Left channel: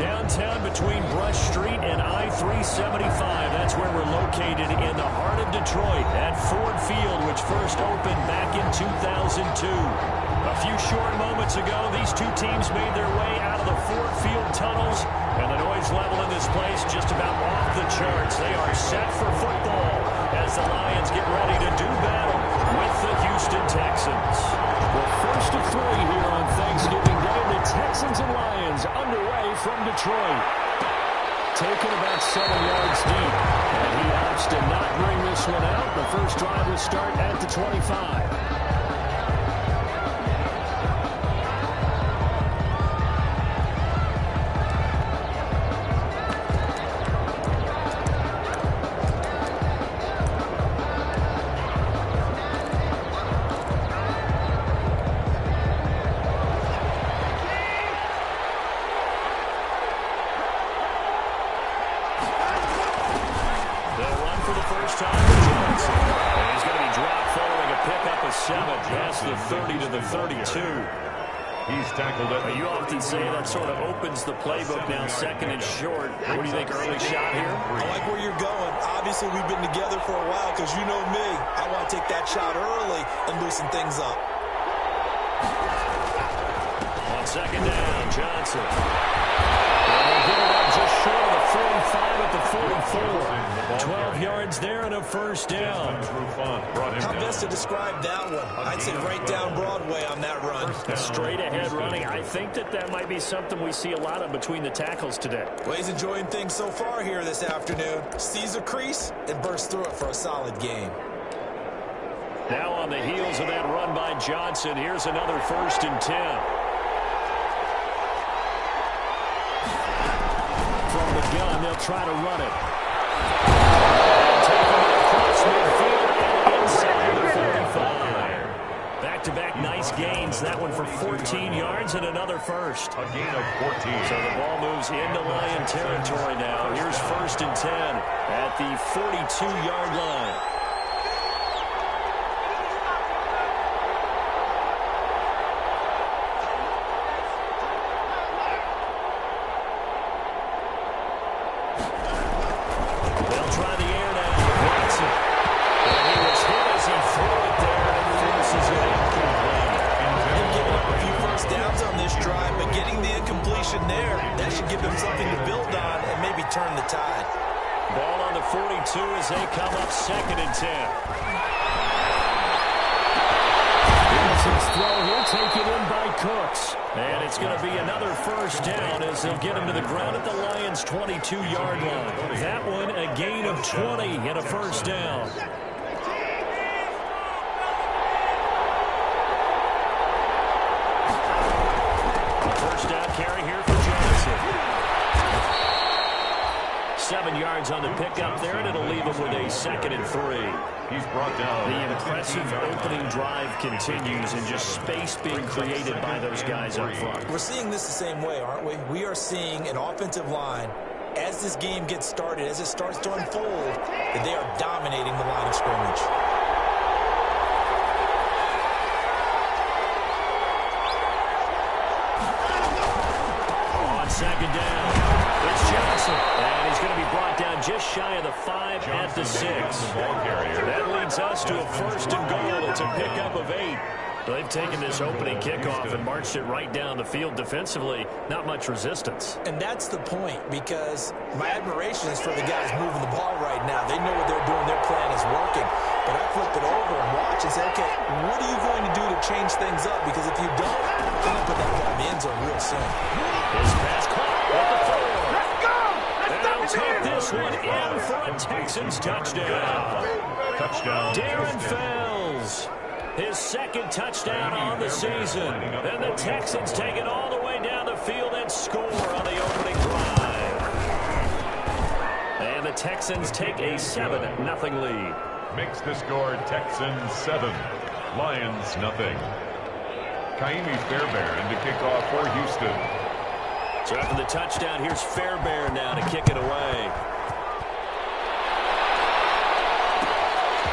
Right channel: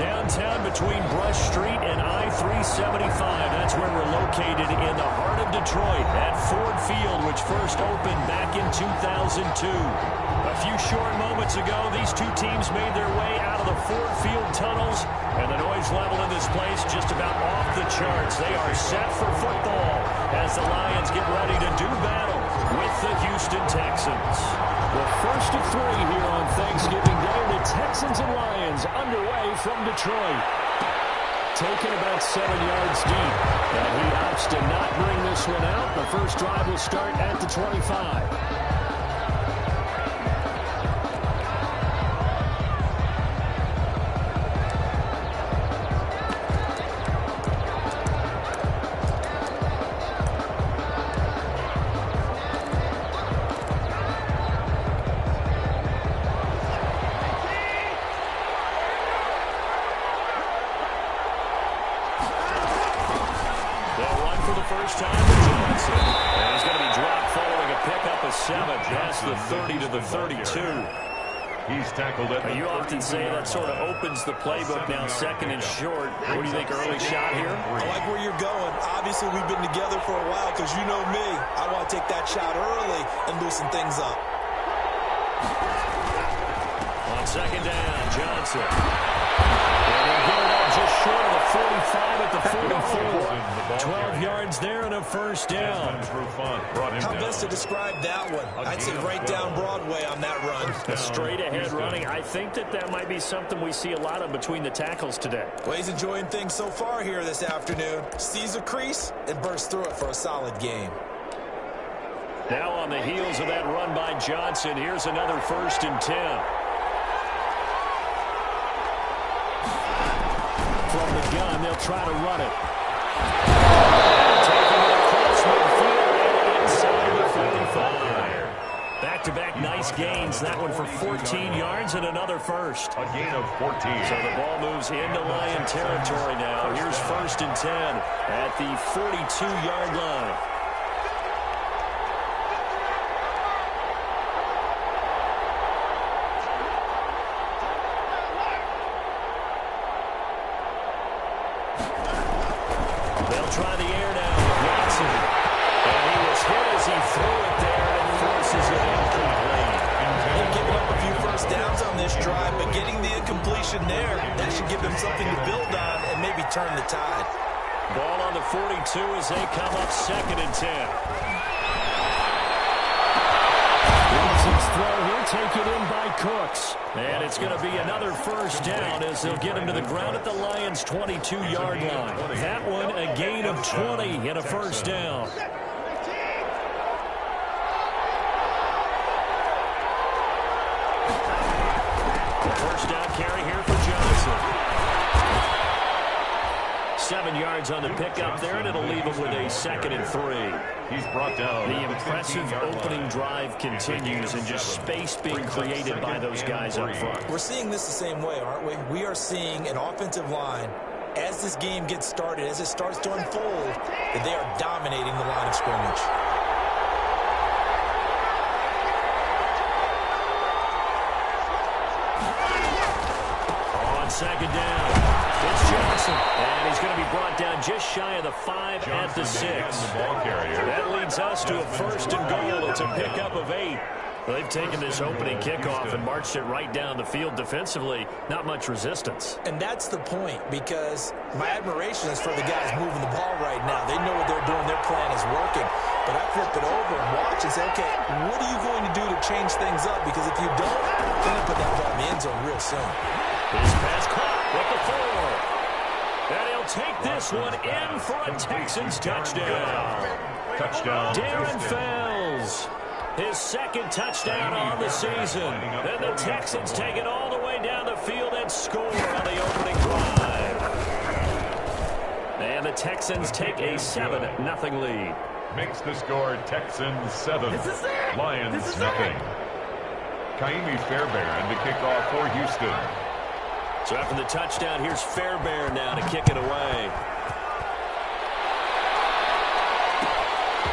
Downtown between Brush Street and I-375. That's where we're located in the heart of Detroit at Ford Field, which first opened back in 2002. A few short moments ago, these two teams made their way out of the Ford Field tunnels, and the noise level in this place just about off the charts. They are set for football as the Lions get ready to do battle with the Houston Texans. Well, first of three here on Thanksgiving Day, the Texans and Lions underway from Detroit. Taken about 7 yards deep, and he opts to not bring this one out. The first drive will start at the 25. The 30 to the 32. He's tackled it. You often say that sort of opens the playbook now, second and short. What do you think, early shot here? I like where you're going. Obviously, we've been together for a while because you know me. I want to take that shot early and loosen things up. On second down, Johnson. And they'll get it up just short of the 45 at the 44. 12 yards there and a first down. How best to describe that one? I'd say right down Broadway on that run. Straight ahead running. I think that might be something we see a lot of between the tackles today. Well, he's enjoying things so far here this afternoon. Sees a crease and bursts through it for a solid game. Now on the heels of that run by Johnson, here's another 1st and 10. From the gun, they'll try to run it. And taking it across midfield and inside the 45. Back-to-back nice gains. That one for 14 yards and another first. A gain of 14. So the ball moves into Lion territory now. Here's 1st and 10 at the 42-yard line. Try the air now with Watson. And he was hit as he threw it there, and it forces it incomplete. They're giving up a few first downs on this drive, but getting the incompletion there, that should give them something to build on and maybe turn the tide. Ball on the 42 as they come up 2nd and 10. Wilson's throw here taken in by Cooks. And it's going to be another first down as they'll get him to the ground at the Lions' 22-yard line. That one a gain of 20 and a first down. First down carry here for Johnson. 7 yards on the pickup there, and it'll leave him with a 2nd and 3. He's brought down. The impressive opening drive continues, and just space being created by those guys up front. We're seeing this the same way, aren't we? We are seeing an offensive line, as this game gets started, as it starts to unfold, that they are dominating the line of scrimmage. On second down. It's Johnson, and he's going to be brought down just shy of the 5 at the 6. That leads us to a 1st and goal. It's a pickup of 8. They've taken this opening kickoff and marched it right down the field defensively. Not much resistance. And that's the point, because my admiration is for the guys moving the ball right now. They know what they're doing. Their plan is working. But I flip it over and watch and say, okay, what are you going to do to change things up? Because if you don't, they're going to put that ball in the end zone real soon. His pass caught at the 4. And he'll take this one in for a Texans touchdown. Touchdown. Darren Fells. His 2nd touchdown on the season. And the Texans take it all the way down the field and score on the opening drive. And the Texans take a 7-0 lead. Makes the score Texans 7, Lions nothing. Kaimi Fairbairn to kick off for Houston. So after the touchdown, here's Fairbairn now to kick it away.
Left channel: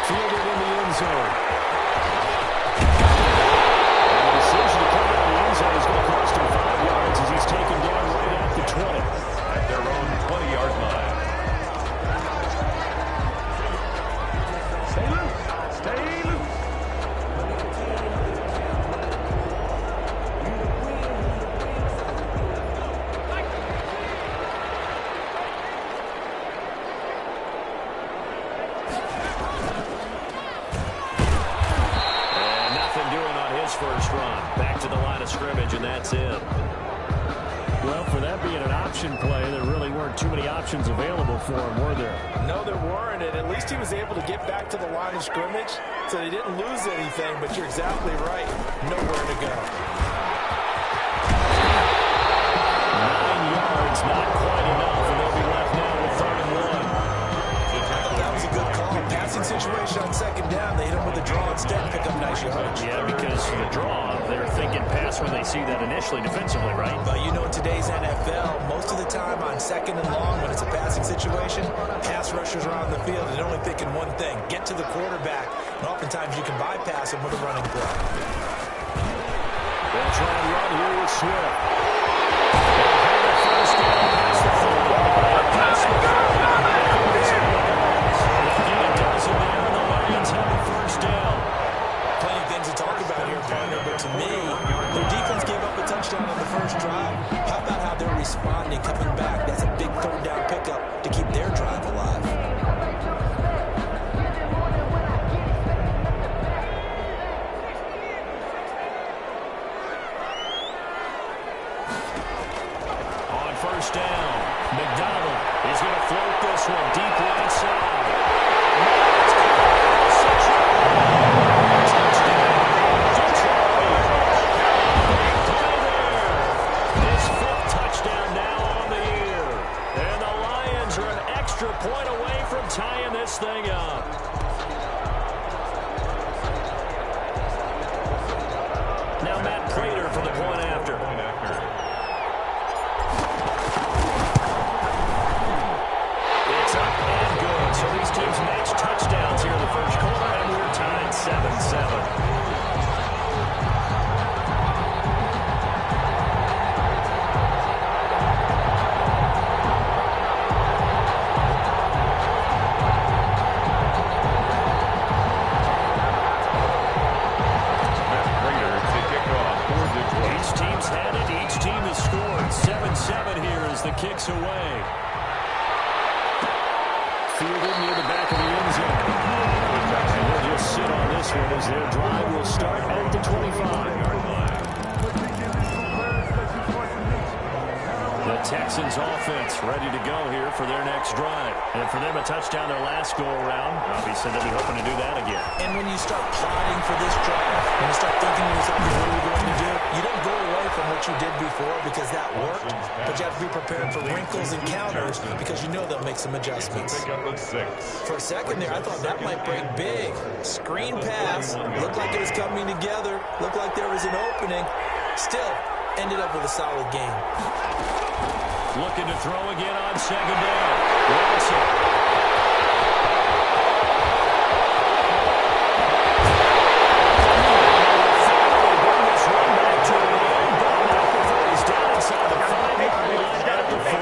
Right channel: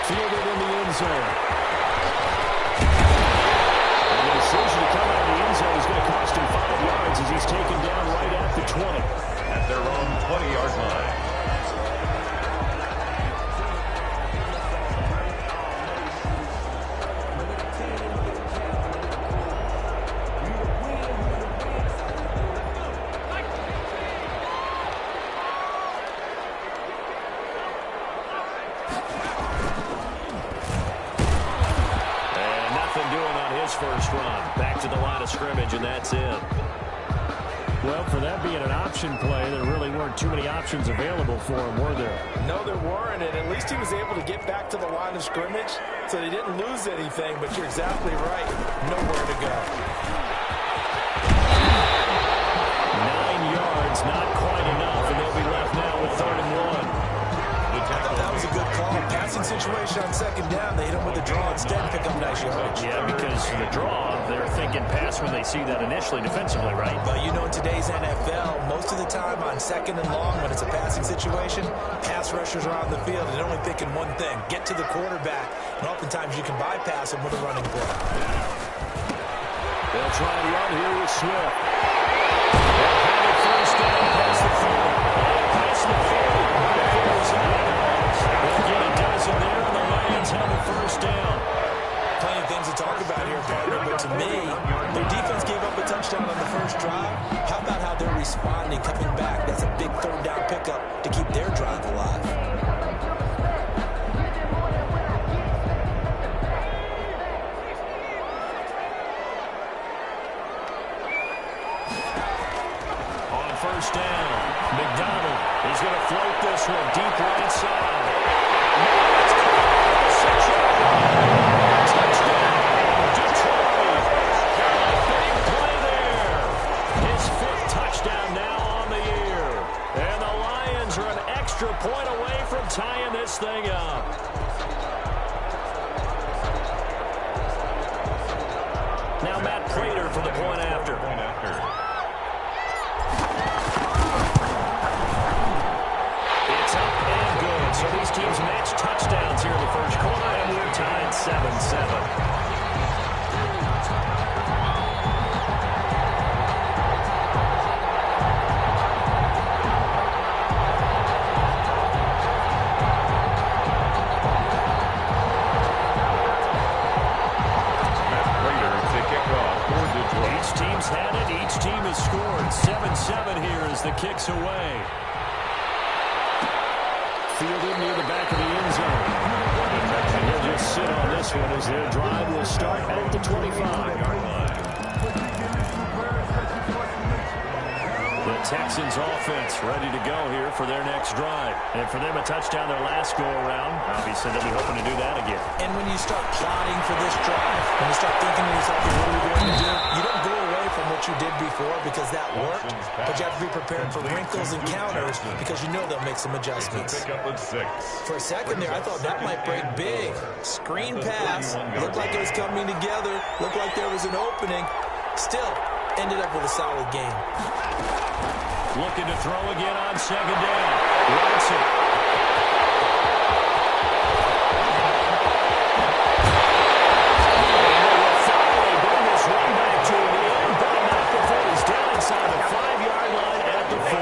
Fielded in the end zone. And the decision to come out of the end zone is going to cost him 5 yards as he's taken down right at the 20. At their own 20-yard line. First run back to the line of scrimmage, and that's it. Well, for that being an option play, there really weren't too many options available for him, were there? No, there weren't, and at least he was able to get back to the line of scrimmage, so they didn't lose anything, but you're exactly right. Nowhere to go. 9 yards, not quite enough, and they'll be left now with 3rd and 1. That was a good call. Passing situation on 2nd down. They hit him with a draw instead and pick up nice yardage. Yeah, because for the draw, they're thinking pass when they see that initially defensively, right? But you know, in today's NFL, most of the time on 2nd and long, when it's a passing situation, pass rushers are on the field and they're only thinking one thing, get to the quarterback. And oftentimes you can bypass him with a running play. They'll try and run here with Swift. They'll have it first down past the 40. Past the 40. The 40's out. They'll get a dozen there, and the Lions have a first down. Plenty of things to talk about here, partner, but to me, their defense gave up a touchdown on the first drive. How about how they're responding, coming back? That's a big 3rd down pickup to keep their drive alive. On first down, McDonald is going to float this one deep right side. It's caught at the 6-yard line. Touchdown, Detroit. Big play there. His 5th touchdown now on the year. And the Lions are an extra point away from tying this thing up. Now Matt Prater for the point after. It's up and good. So these teams match touchdowns here in the first quarter, and we're tied 7-7. Each team's had it. Each team has scored. 7-7 here as the kick's away. Fielded near the back of the end zone. And he'll just sit on this one as their drive will start at the 25-yard line. The Texans offense ready to go here for their next drive. And for them, a touchdown their last go-around. Obviously, they'll be hoping to do that again. And when you start plotting for this drive, when you start thinking to yourself, what are we going to do? You don't go away from what you did before because that worked, but you have to be prepared for wrinkles and counters because you know they'll make some adjustments. For a second there, I thought that might break big. Screen pass, looked like it was coming together, looked like there was an opening. Still, ended up with a solid game. Looking to throw again on 2nd down. Watson. Finally bring this run back to the end, but not before he's down inside the 5-yard line at the 4.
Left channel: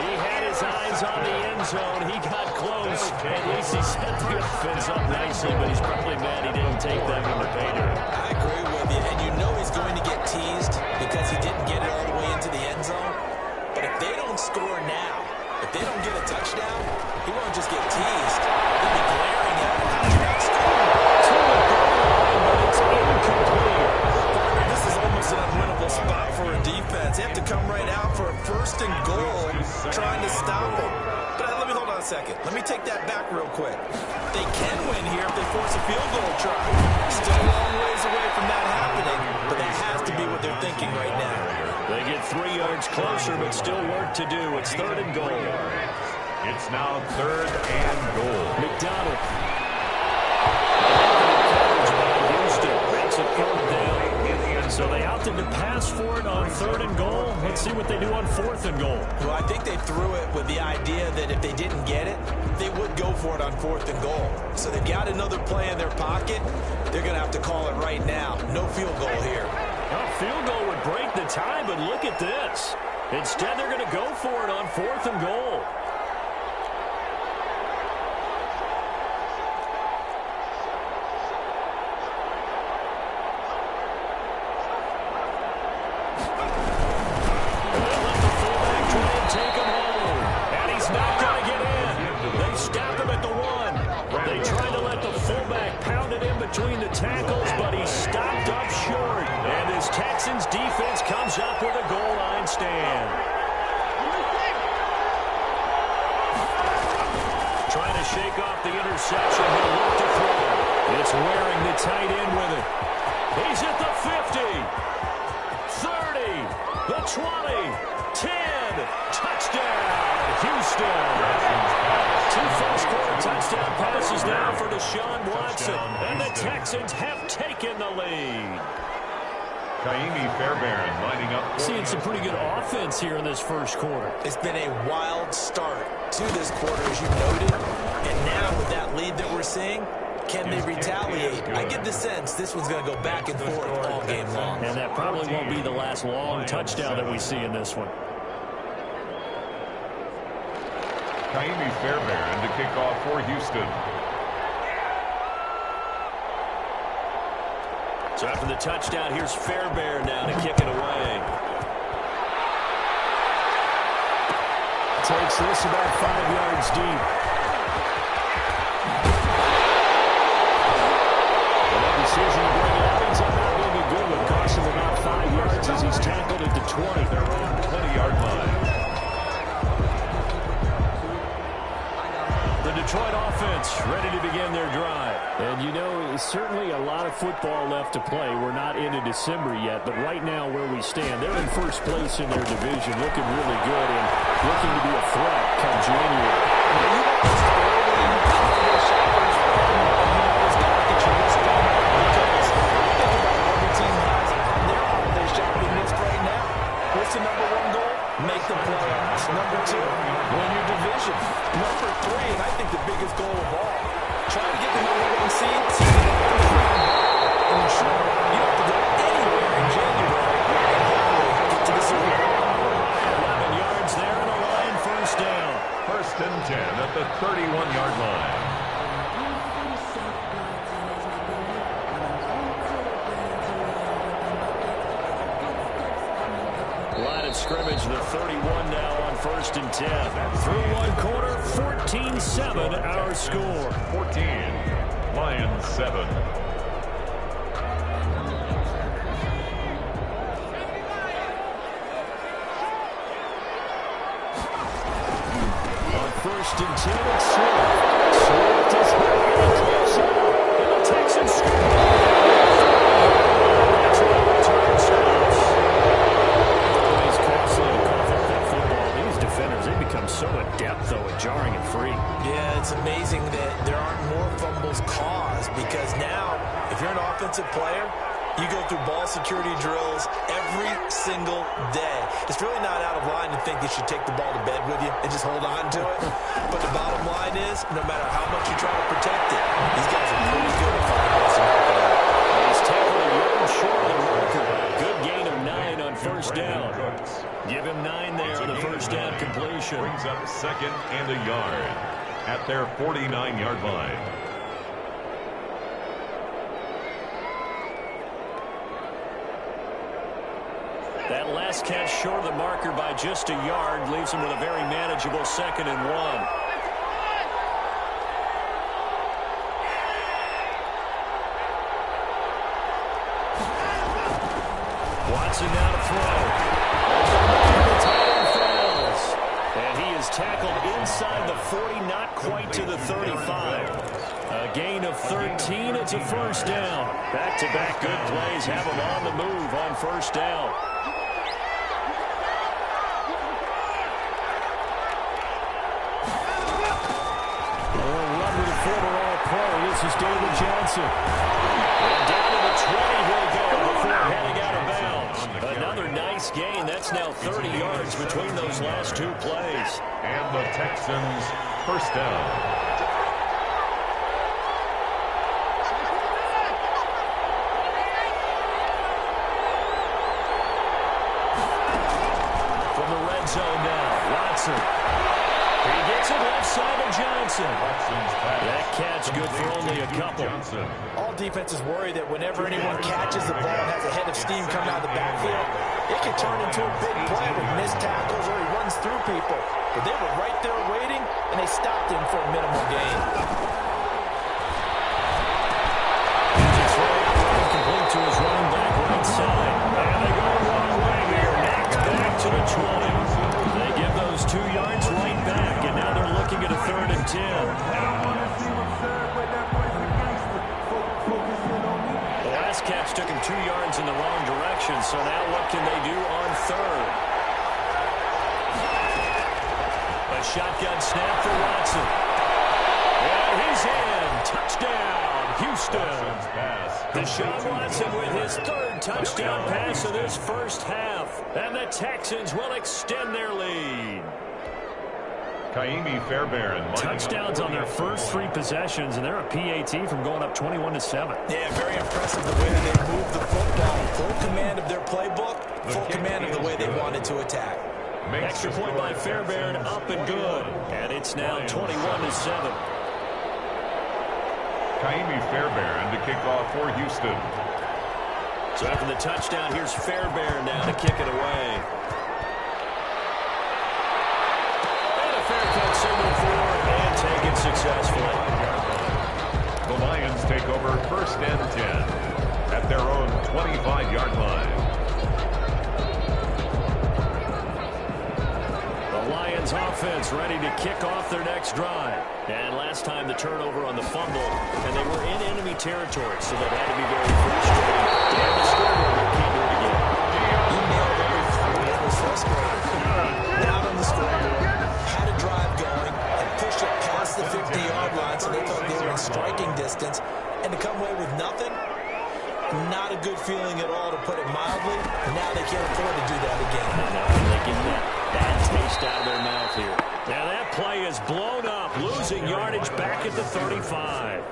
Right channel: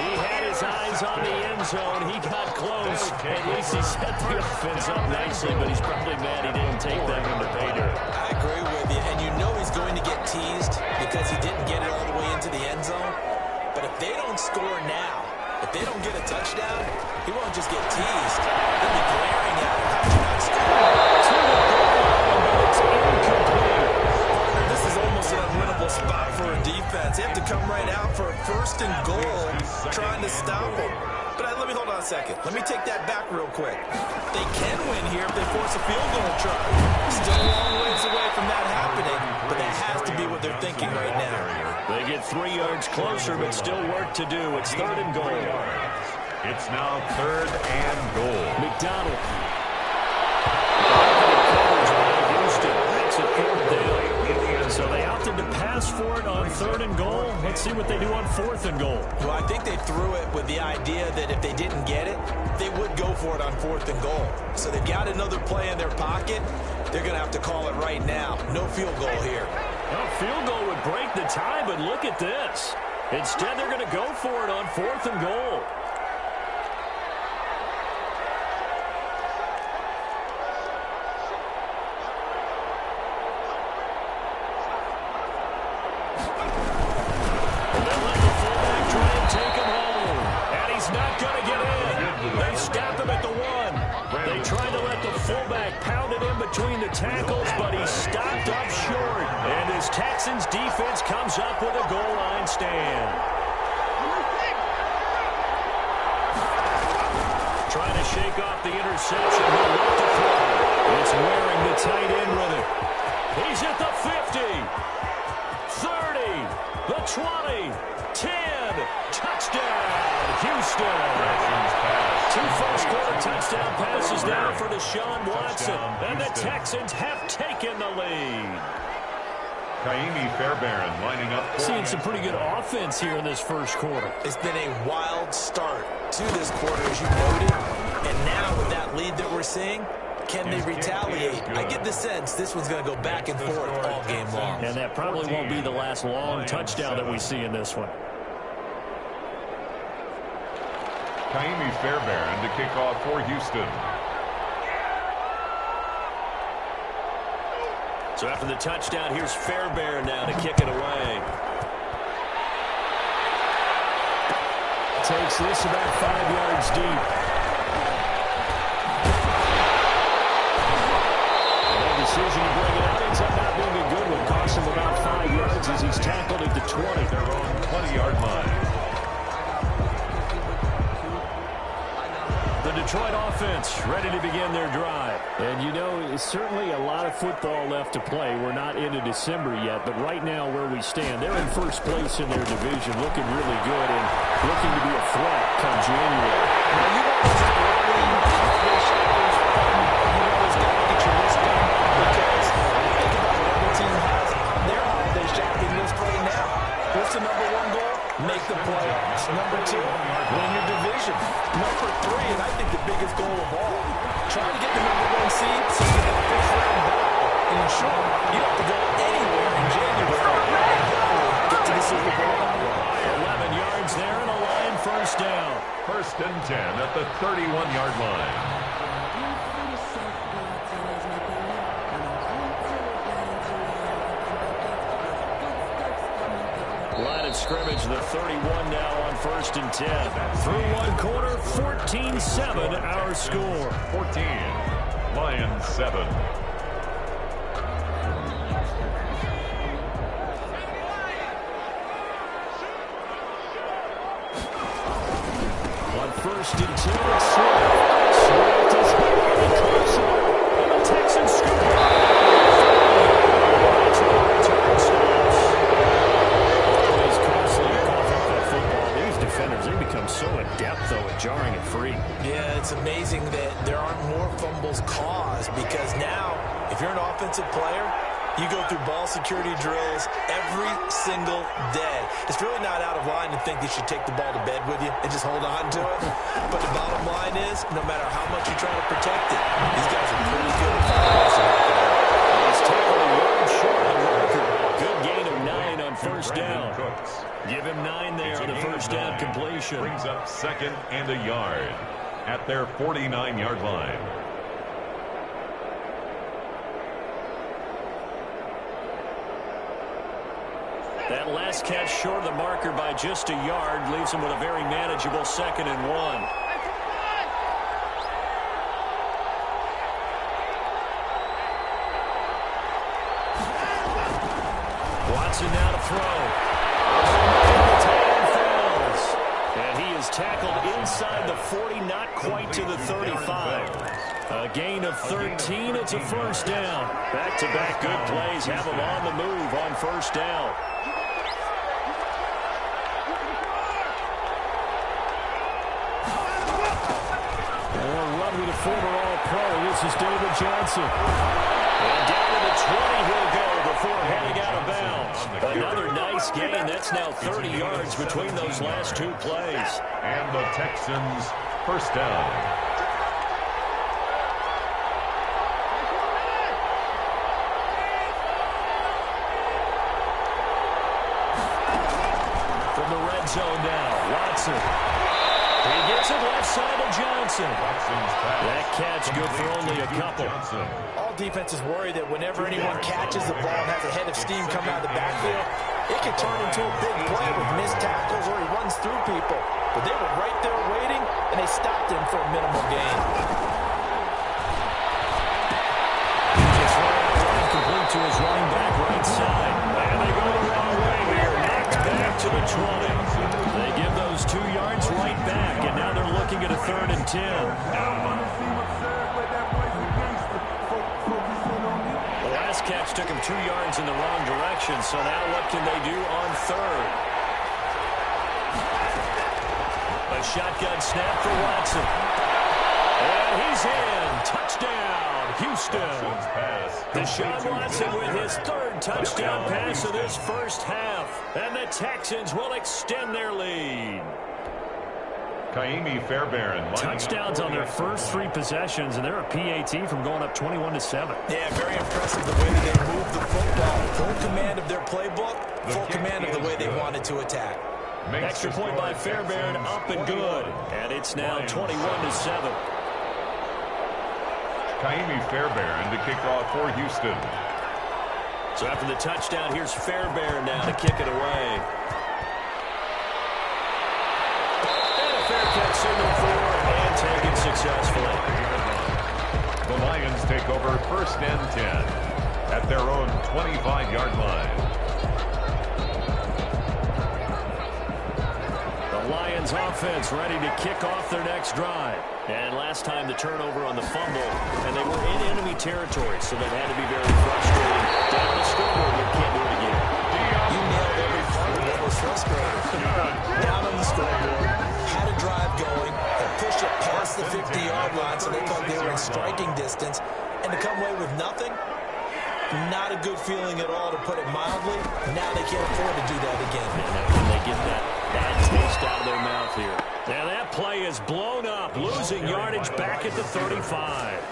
He had his eyes on the end zone. He got close. At least he set the offense up nicely, but he's probably mad he didn't take that one to pay dirt. I agree with you, and you know he's going to get teased because he didn't get it all the way into the end zone. But if they don't score now, if they don't get a touchdown, he won't just get teased. They'll be glaring at him. How did you not score? To the goal line, but it's incomplete. Partner, this is almost an unwinnable spot for a defense. They have to come right out for a 1st and goal, trying to stop him. But let me hold on a second. Let me take that back real quick. They can win here if they force a field goal try. Still a long ways away from that happening, but that has to be what they're thinking right now. They get 3 yards closer, but still work to do. It's 3rd and goal. It's now 3rd and goal. McDonald. Coverage by Houston. Makes it 4th down. So they opted to pass for it on 3rd and goal. Let's see what they do on 4th and goal. Well, I think they threw it with the idea that if they didn't get it, they would go for it on 4th and goal. So they've got another play in their pocket. They're going to have to call it right now. No field goal here. A field goal would break the tie, but look at this. Instead, they're going to go for it on 4th and goal. They'll let the fullback try and take him home. And he's not going to get in. They stop him at the 1. They tried to let the fullback pound it in between the tackles, but he stopped up short. And his Texans defense comes up with a goal line stand. Trying to shake off the interception. He'll look to throw. It's wearing the tight end with it. He's at the 50, 30, the 20, 10. Touchdown, Houston. Two first-quarter touchdown passes now for Deshaun Watson. And the Texans have taken the lead. Kaimi Fairbairn lining up. Seeing some pretty good offense here in this first quarter. It's been a wild start to this quarter, as you noted. And now with that lead that we're seeing, can they retaliate? I get the sense this one's going to go back and forth all game long. And that probably won't be the last long touchdown that we see in this one. Kaimi Fairbairn to kick off for Houston. So after the touchdown, here's Fairbairn now to kick it away. Takes this about 5 yards deep. And that decision to bring it out ends up not being a good one. Costs him about 5 yards as he's tackled at the 20. Their own 20-yard line. The Detroit offense ready to begin their drive. And, you know, certainly a lot of football left to play. We're not into December yet, but right now where we stand, they're in first place in their division, looking really good and looking to be a threat come January. Now, you want those early holiday shoppers, you always got to get your list done because think about what every team has on their holiday shopping list right now. What's the number 1 goal? Make the playoffs. Number 2, win your division. Number 3, and I think the biggest goal of all, try to get the number 1 seed so you get that first-round bye and ensure you don't have to go anywhere in January and hopefully get to the Super Bowl. 11 yards there and a line first down. 1st and 10 at the 31-yard line. Line of scrimmage, the 31 now on 1st and 10. Through 1 quarter, 14-7 our score. 14, Lions 7. On 1st and 10, it's Swift. Swift is very close enough. And the Texans score. That's where the return stops. It's costly to cough up that football. These defenders, they become so adept, though, at jarring it free. Yeah, it's amazing that there aren't more fumbles caused because now, if you're an offensive player, you go through ball security drills every single day. It's really not out of line to think you should take the ball to bed with you and just hold on to it. But the bottom line is, no matter how much you try to protect it, these guys are pretty good at finding ways to knock it out. He's tackled a yard short of the record. Good gain of 9 on first down. Give him 9 there on the first down completion. Brings up 2nd and a yard at their 49-yard line. That last catch short of the marker by just a yard leaves him with a very manageable 2nd and 1. Watson now to throw. The tight end fails. And he is tackled inside the 40, not quite to the 35. A gain of 13. It's a first down. Back-to-back good plays have him on the move on first down. They'll run with a former All-Pro. This is David Johnson. And down to the 20 he'll go before heading out of bounds. Another nice gain. That's now 30 yards between those last 2 plays. And the Texans first down. Watson. He gets it left side of Johnson. That catch good for only a couple. All defenses worry that whenever anyone catches the ball and has a head of steam coming out of the backfield, it can turn into a big play with missed tackles or he runs through people. But they were right there waiting, and they stopped him for a minimal gain. It's right complete to his running back right side. And they go the wrong way here. Knocked back to the 20. They give those 2 yards right back, and now they're looking at a 3rd and 10. The last catch took him 2 yards in the wrong direction, so now what can they do on 3rd? A shotgun snap for Watson. And he's in. Touchdown, Houston. Deshaun Watson with his 3rd touchdown pass of this first half. And the Texans will extend their lead. Kaimi Fairbairn. Touchdowns on their first 3 possessions, and they're a PAT from going up 21-7. Yeah, very impressive the way that they moved the football. Full command of their playbook, full command of the way they wanted to attack. Extra point by Fairbairn, up and good. And it's now 21-7. Kaimi Fairbairn to kick off for Houston. So after the touchdown, here's Fairbairn now to kick it away. And a fair catch signal for and taken successfully. The Lions take over 1st and 10 at their own 25-yard line. The Lions offense ready to kick off their next drive. And last time the turnover on the fumble, and they were in enemy territory, so that had to be very frustrating. Down the scoreboard here, can't do it again. You nailed every part of it. Was frustrating. Down on the scoreboard, had a drive going, and pushed it past the 50-yard line, so they thought they were in striking distance, and to come away with nothing, not a good feeling at all, to put it mildly. Now they can't afford to do that again. And now can they get that bad taste out of their mouth here? Now that play is blown up, losing yardage back at the 35.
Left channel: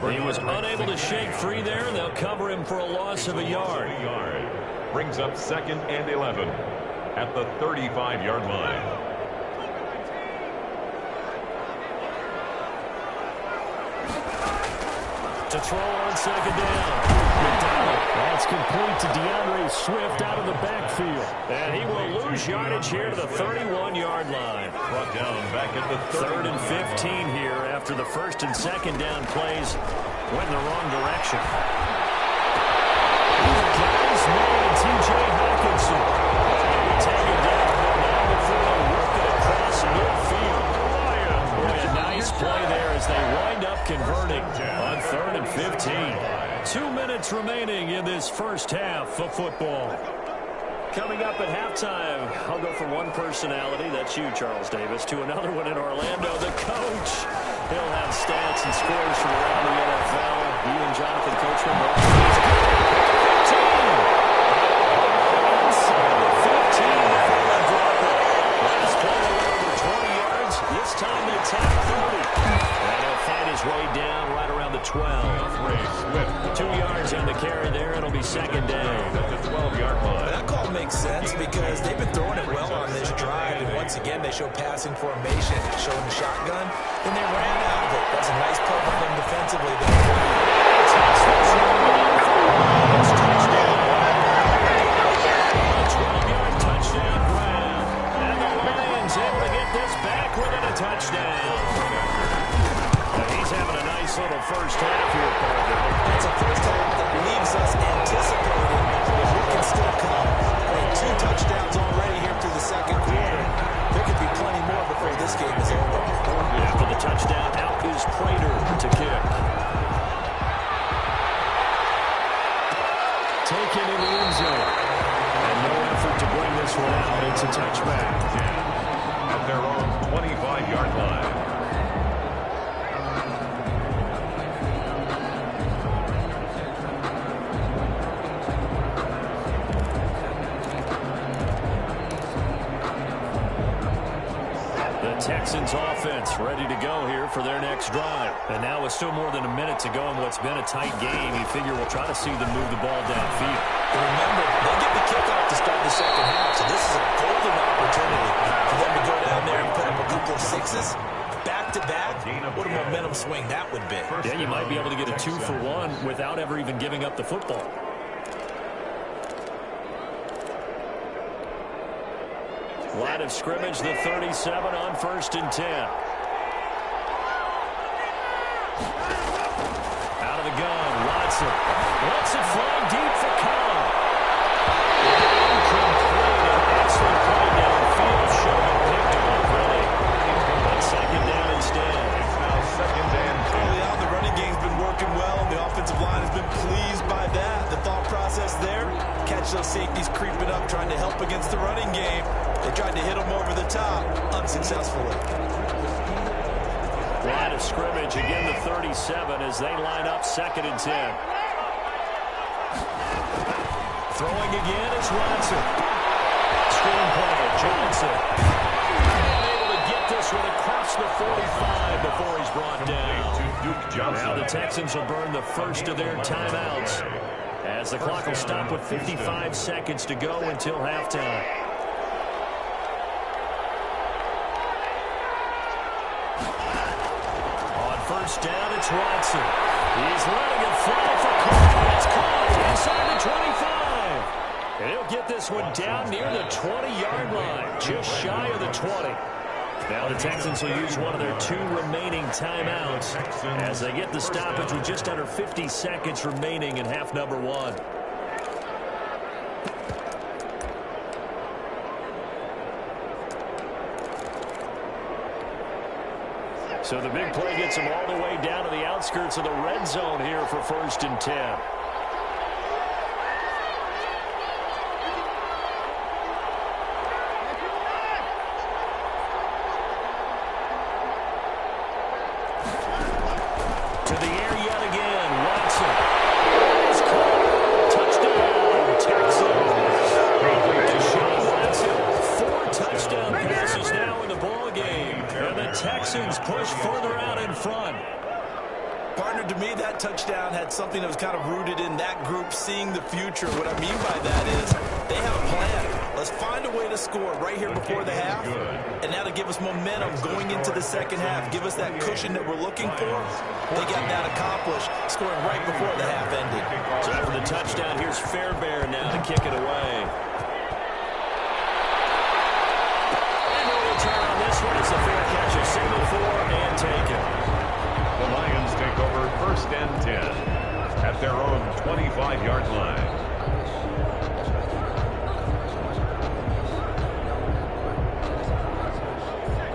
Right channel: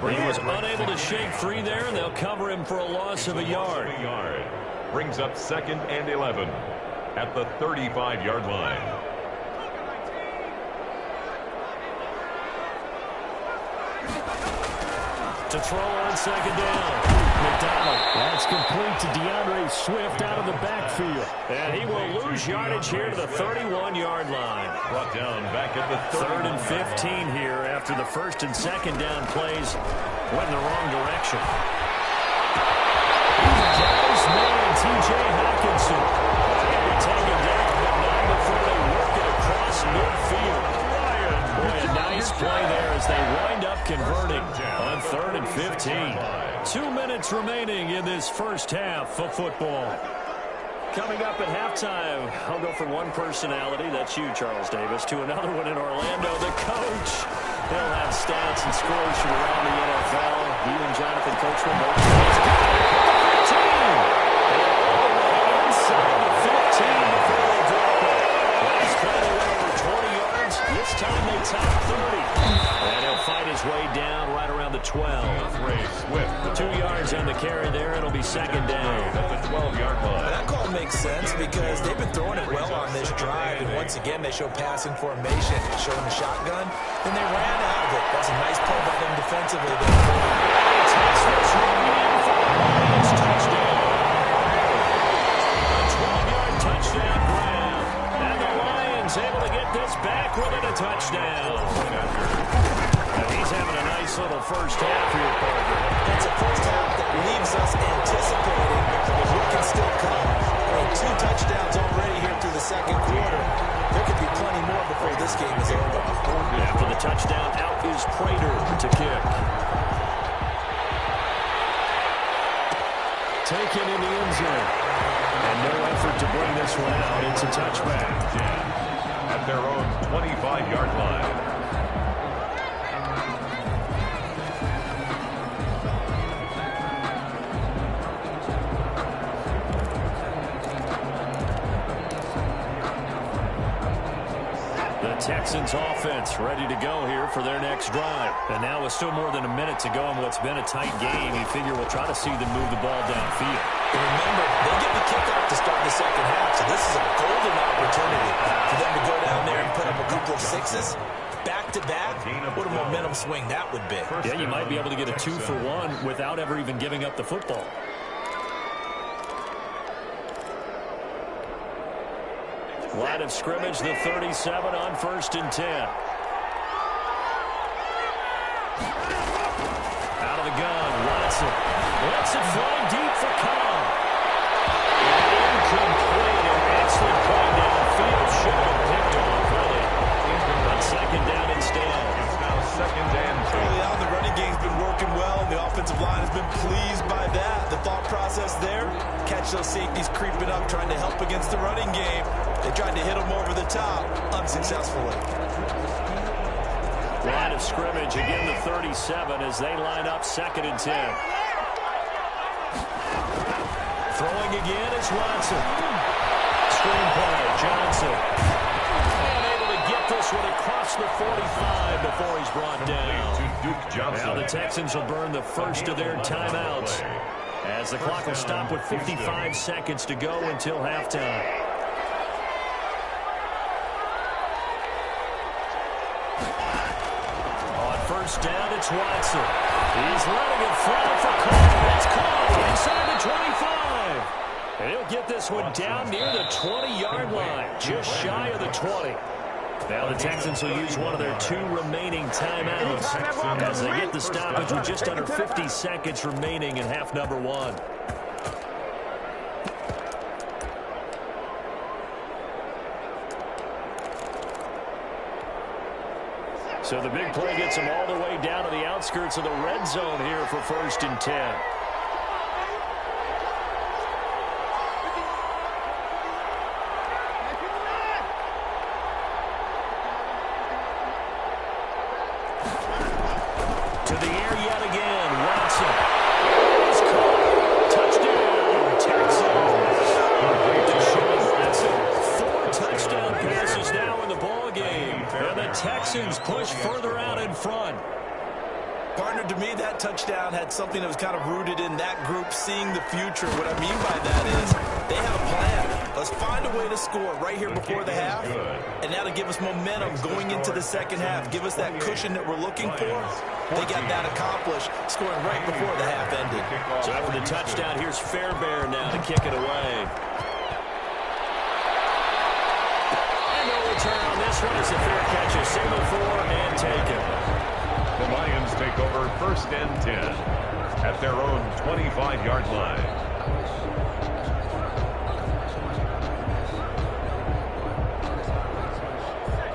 He was unable to shake free there, and they'll cover him for a loss of a yard. Brings up 2nd and 11 at the 35-yard line. To throw on 2nd down. McDonald. That's complete to DeAndre Swift out of the backfield. And he will lose yardage here to the 31-yard line. Brought down back at the 3rd and 15 here after the 1st and 2nd down plays went in the wrong direction. He's got his man, T.J. Hawkinson. He'll be taken down, but not before they work it across midfield. Boy, a nice play there as they wind up converting on 3rd and 15. 2 minutes remaining in this first half of football. Coming up at halftime, I'll go from one personality, that's you, Charles Davis, to another one in Orlando, the coach. He'll have stats and scores from around the NFL. You and Jonathan Coachman both. 15! And all the way inside the 15 before they drop it. Last play they went over 20 yards. This time they top 30. And he'll fight his way down right around the 12. 2 yards on the carry there. It'll be 2nd down. At the 12-yard line. That call makes sense because they've been throwing it well on this drive, and once again they show passing formation, showing the shotgun. Then they ran out of it. That's a nice play by them defensively. Takes this one in for the Lions. Touchdown. A 12-yard touchdown grab. And the Lions able to get this back within a touchdown. He's having a nice little first half here, Parker. It's a first half that leaves us anticipating what can still come. I mean, 2 touchdowns already here through the 2nd quarter. There could be plenty more before this game is over. After the touchdown, out is Prater to kick. Taken in the end zone. And no effort to bring this one out. It's a touchback. At their own 25-yard line. Texans offense ready to go here for their next drive. And now with still more than a minute to go in what's been a tight game, you figure we'll try to see them move the ball downfield. And remember, they get the kickoff to start the 2nd half, so this is a golden opportunity for them to go down there and sixes back-to-back, what a momentum swing that would be. Yeah, you might be able to get a 2-for-1 without ever even giving up the football. Line of scrimmage, the 37 on 1st and 10. Out of the gun, Watson lets it fly deep for Cobb. Incomplete, an excellent play downfield. Should have been picked off, really. But second down instead. It's now 2nd and 2. Early on, the running game's been working well, and the offensive line has been pleased by that. The thought process there, catch those safeties creeping up, trying to help against the running game. They tried to hit them over the top, unsuccessfully. Line of scrimmage, again the 37 as they line up 2nd and 10. Throwing again is Watson. Screenplay, Johnson. And able to get this one across the 45 before he's brought down. Now the Texans will burn the first of their timeouts as the clock will stop with 55 seconds to go until halftime. On 1st down, it's Watson. He's letting it fly for Cobb. It's caught inside the 25. And he'll get this one down near the 20-yard line, just shy of the 20. Now the Texans will use one of their 2 remaining timeouts as they get the stoppage with just under 50 seconds remaining in half number 1. So the big play gets them all the way down to the outskirts of the red zone here for 1st and 10. To the air yet again. Watson is caught. Touchdown, Texans. Deshaun Watson, 4 touchdown passes now in the ball game. And the Texans push further out in front. Partner, to me, that touchdown had something that was kind of rooted in that group seeing the future. What I mean by that is they have a plan. Let's find a way to score right here before the half, and that'll give us momentum going into the second half. Give us that cushion that we're looking for. They got that accomplished, scoring right before the half ended. So after the touchdown, here's Fairbairn now to kick it away. And no return on this one. It's a fair catch, a signal for and taken. The Lions take over 1st and 10 at their own 25-yard line.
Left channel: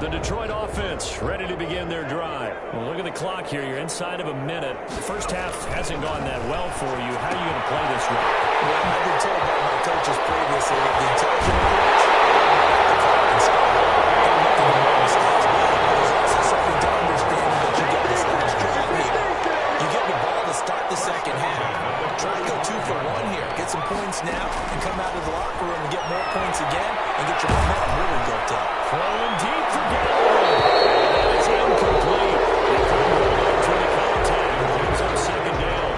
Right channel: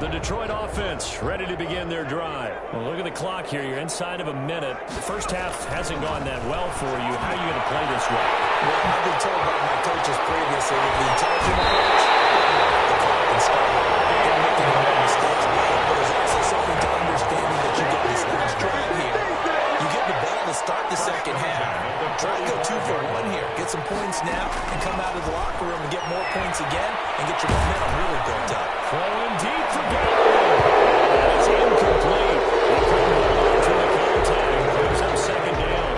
The Detroit offense ready to begin their drive. Well, look at the clock here. You're inside of a minute. The first half hasn't gone that well for you. How are you going to play this right? Well, I've been told by my coaches previously that the intelligent approach, the clock and start over. Don't make any more mistakes. But there's also something to understanding that you got this last drive here. You get the ball to start the second half. Try to go 2 for 1 here. Get some points now and come out of the locker room and get more points again and get your momentum really built up. Throwing deep for Galloway. That is incomplete. He couldn't hold on to the contact. Brings up 2nd down.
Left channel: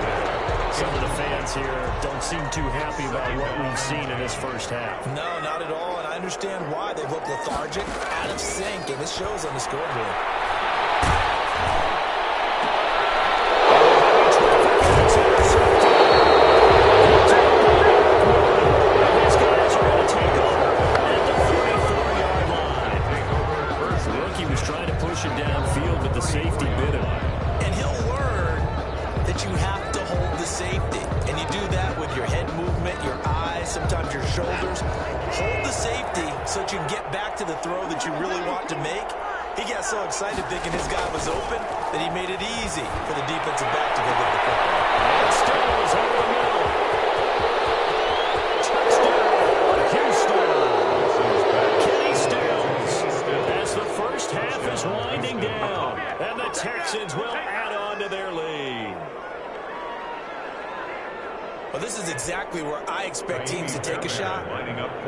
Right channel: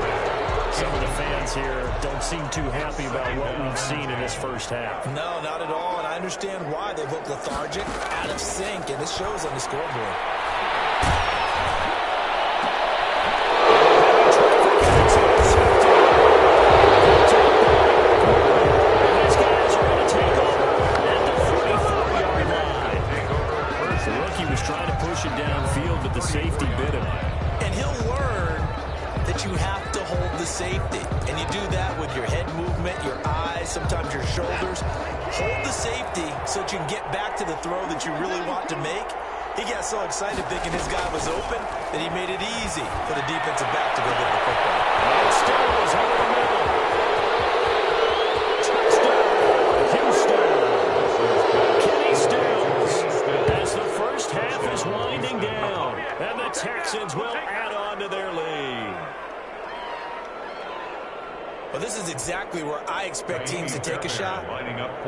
Some of the fans here don't seem too happy about what we've seen in this first half. No, not at all, and I understand why. They've looked lethargic, out of sync, and it shows on the scoreboard. Trying to push it downfield, but the safety bit him. And he'll learn that you have to hold the safety. And you do that with your head movement, your eyes, sometimes your shoulders. Hold the safety so that you can get back to the throw that you really want to make. He got so excited thinking his guy was open that he made it easy for the defensive back to go get the football. And Stills over the middle. Touchdown, Houston. Kenny Stills. As the first half is winding down, and the Texans will add on to their lead. Well, this is exactly where I expect teams to take a shot.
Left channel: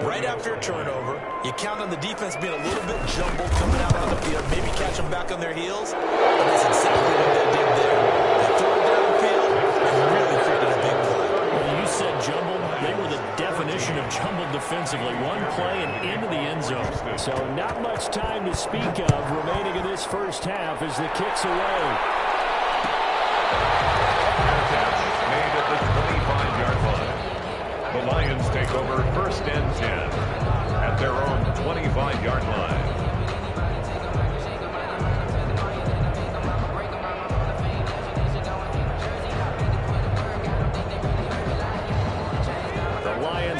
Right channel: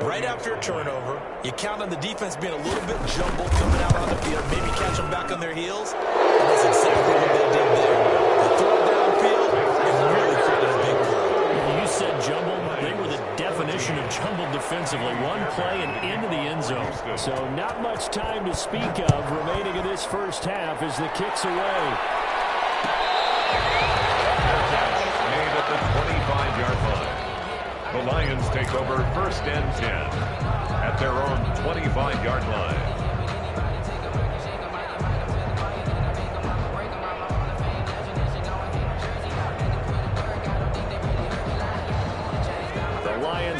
Right after a turnover, you count on the defense being a little bit jumbled coming out on the field, maybe catch them back on their heels, and that's exactly what they did there. They threw it downfield and really created a big play. You said jumbled. They were the definition of jumbled defensively. One play and into the end zone. So not much time to speak of remaining in this first half as the kick's away. Fair catch made at the 25-yard line. The Lions take over 1st and 10 at their own 25-yard line.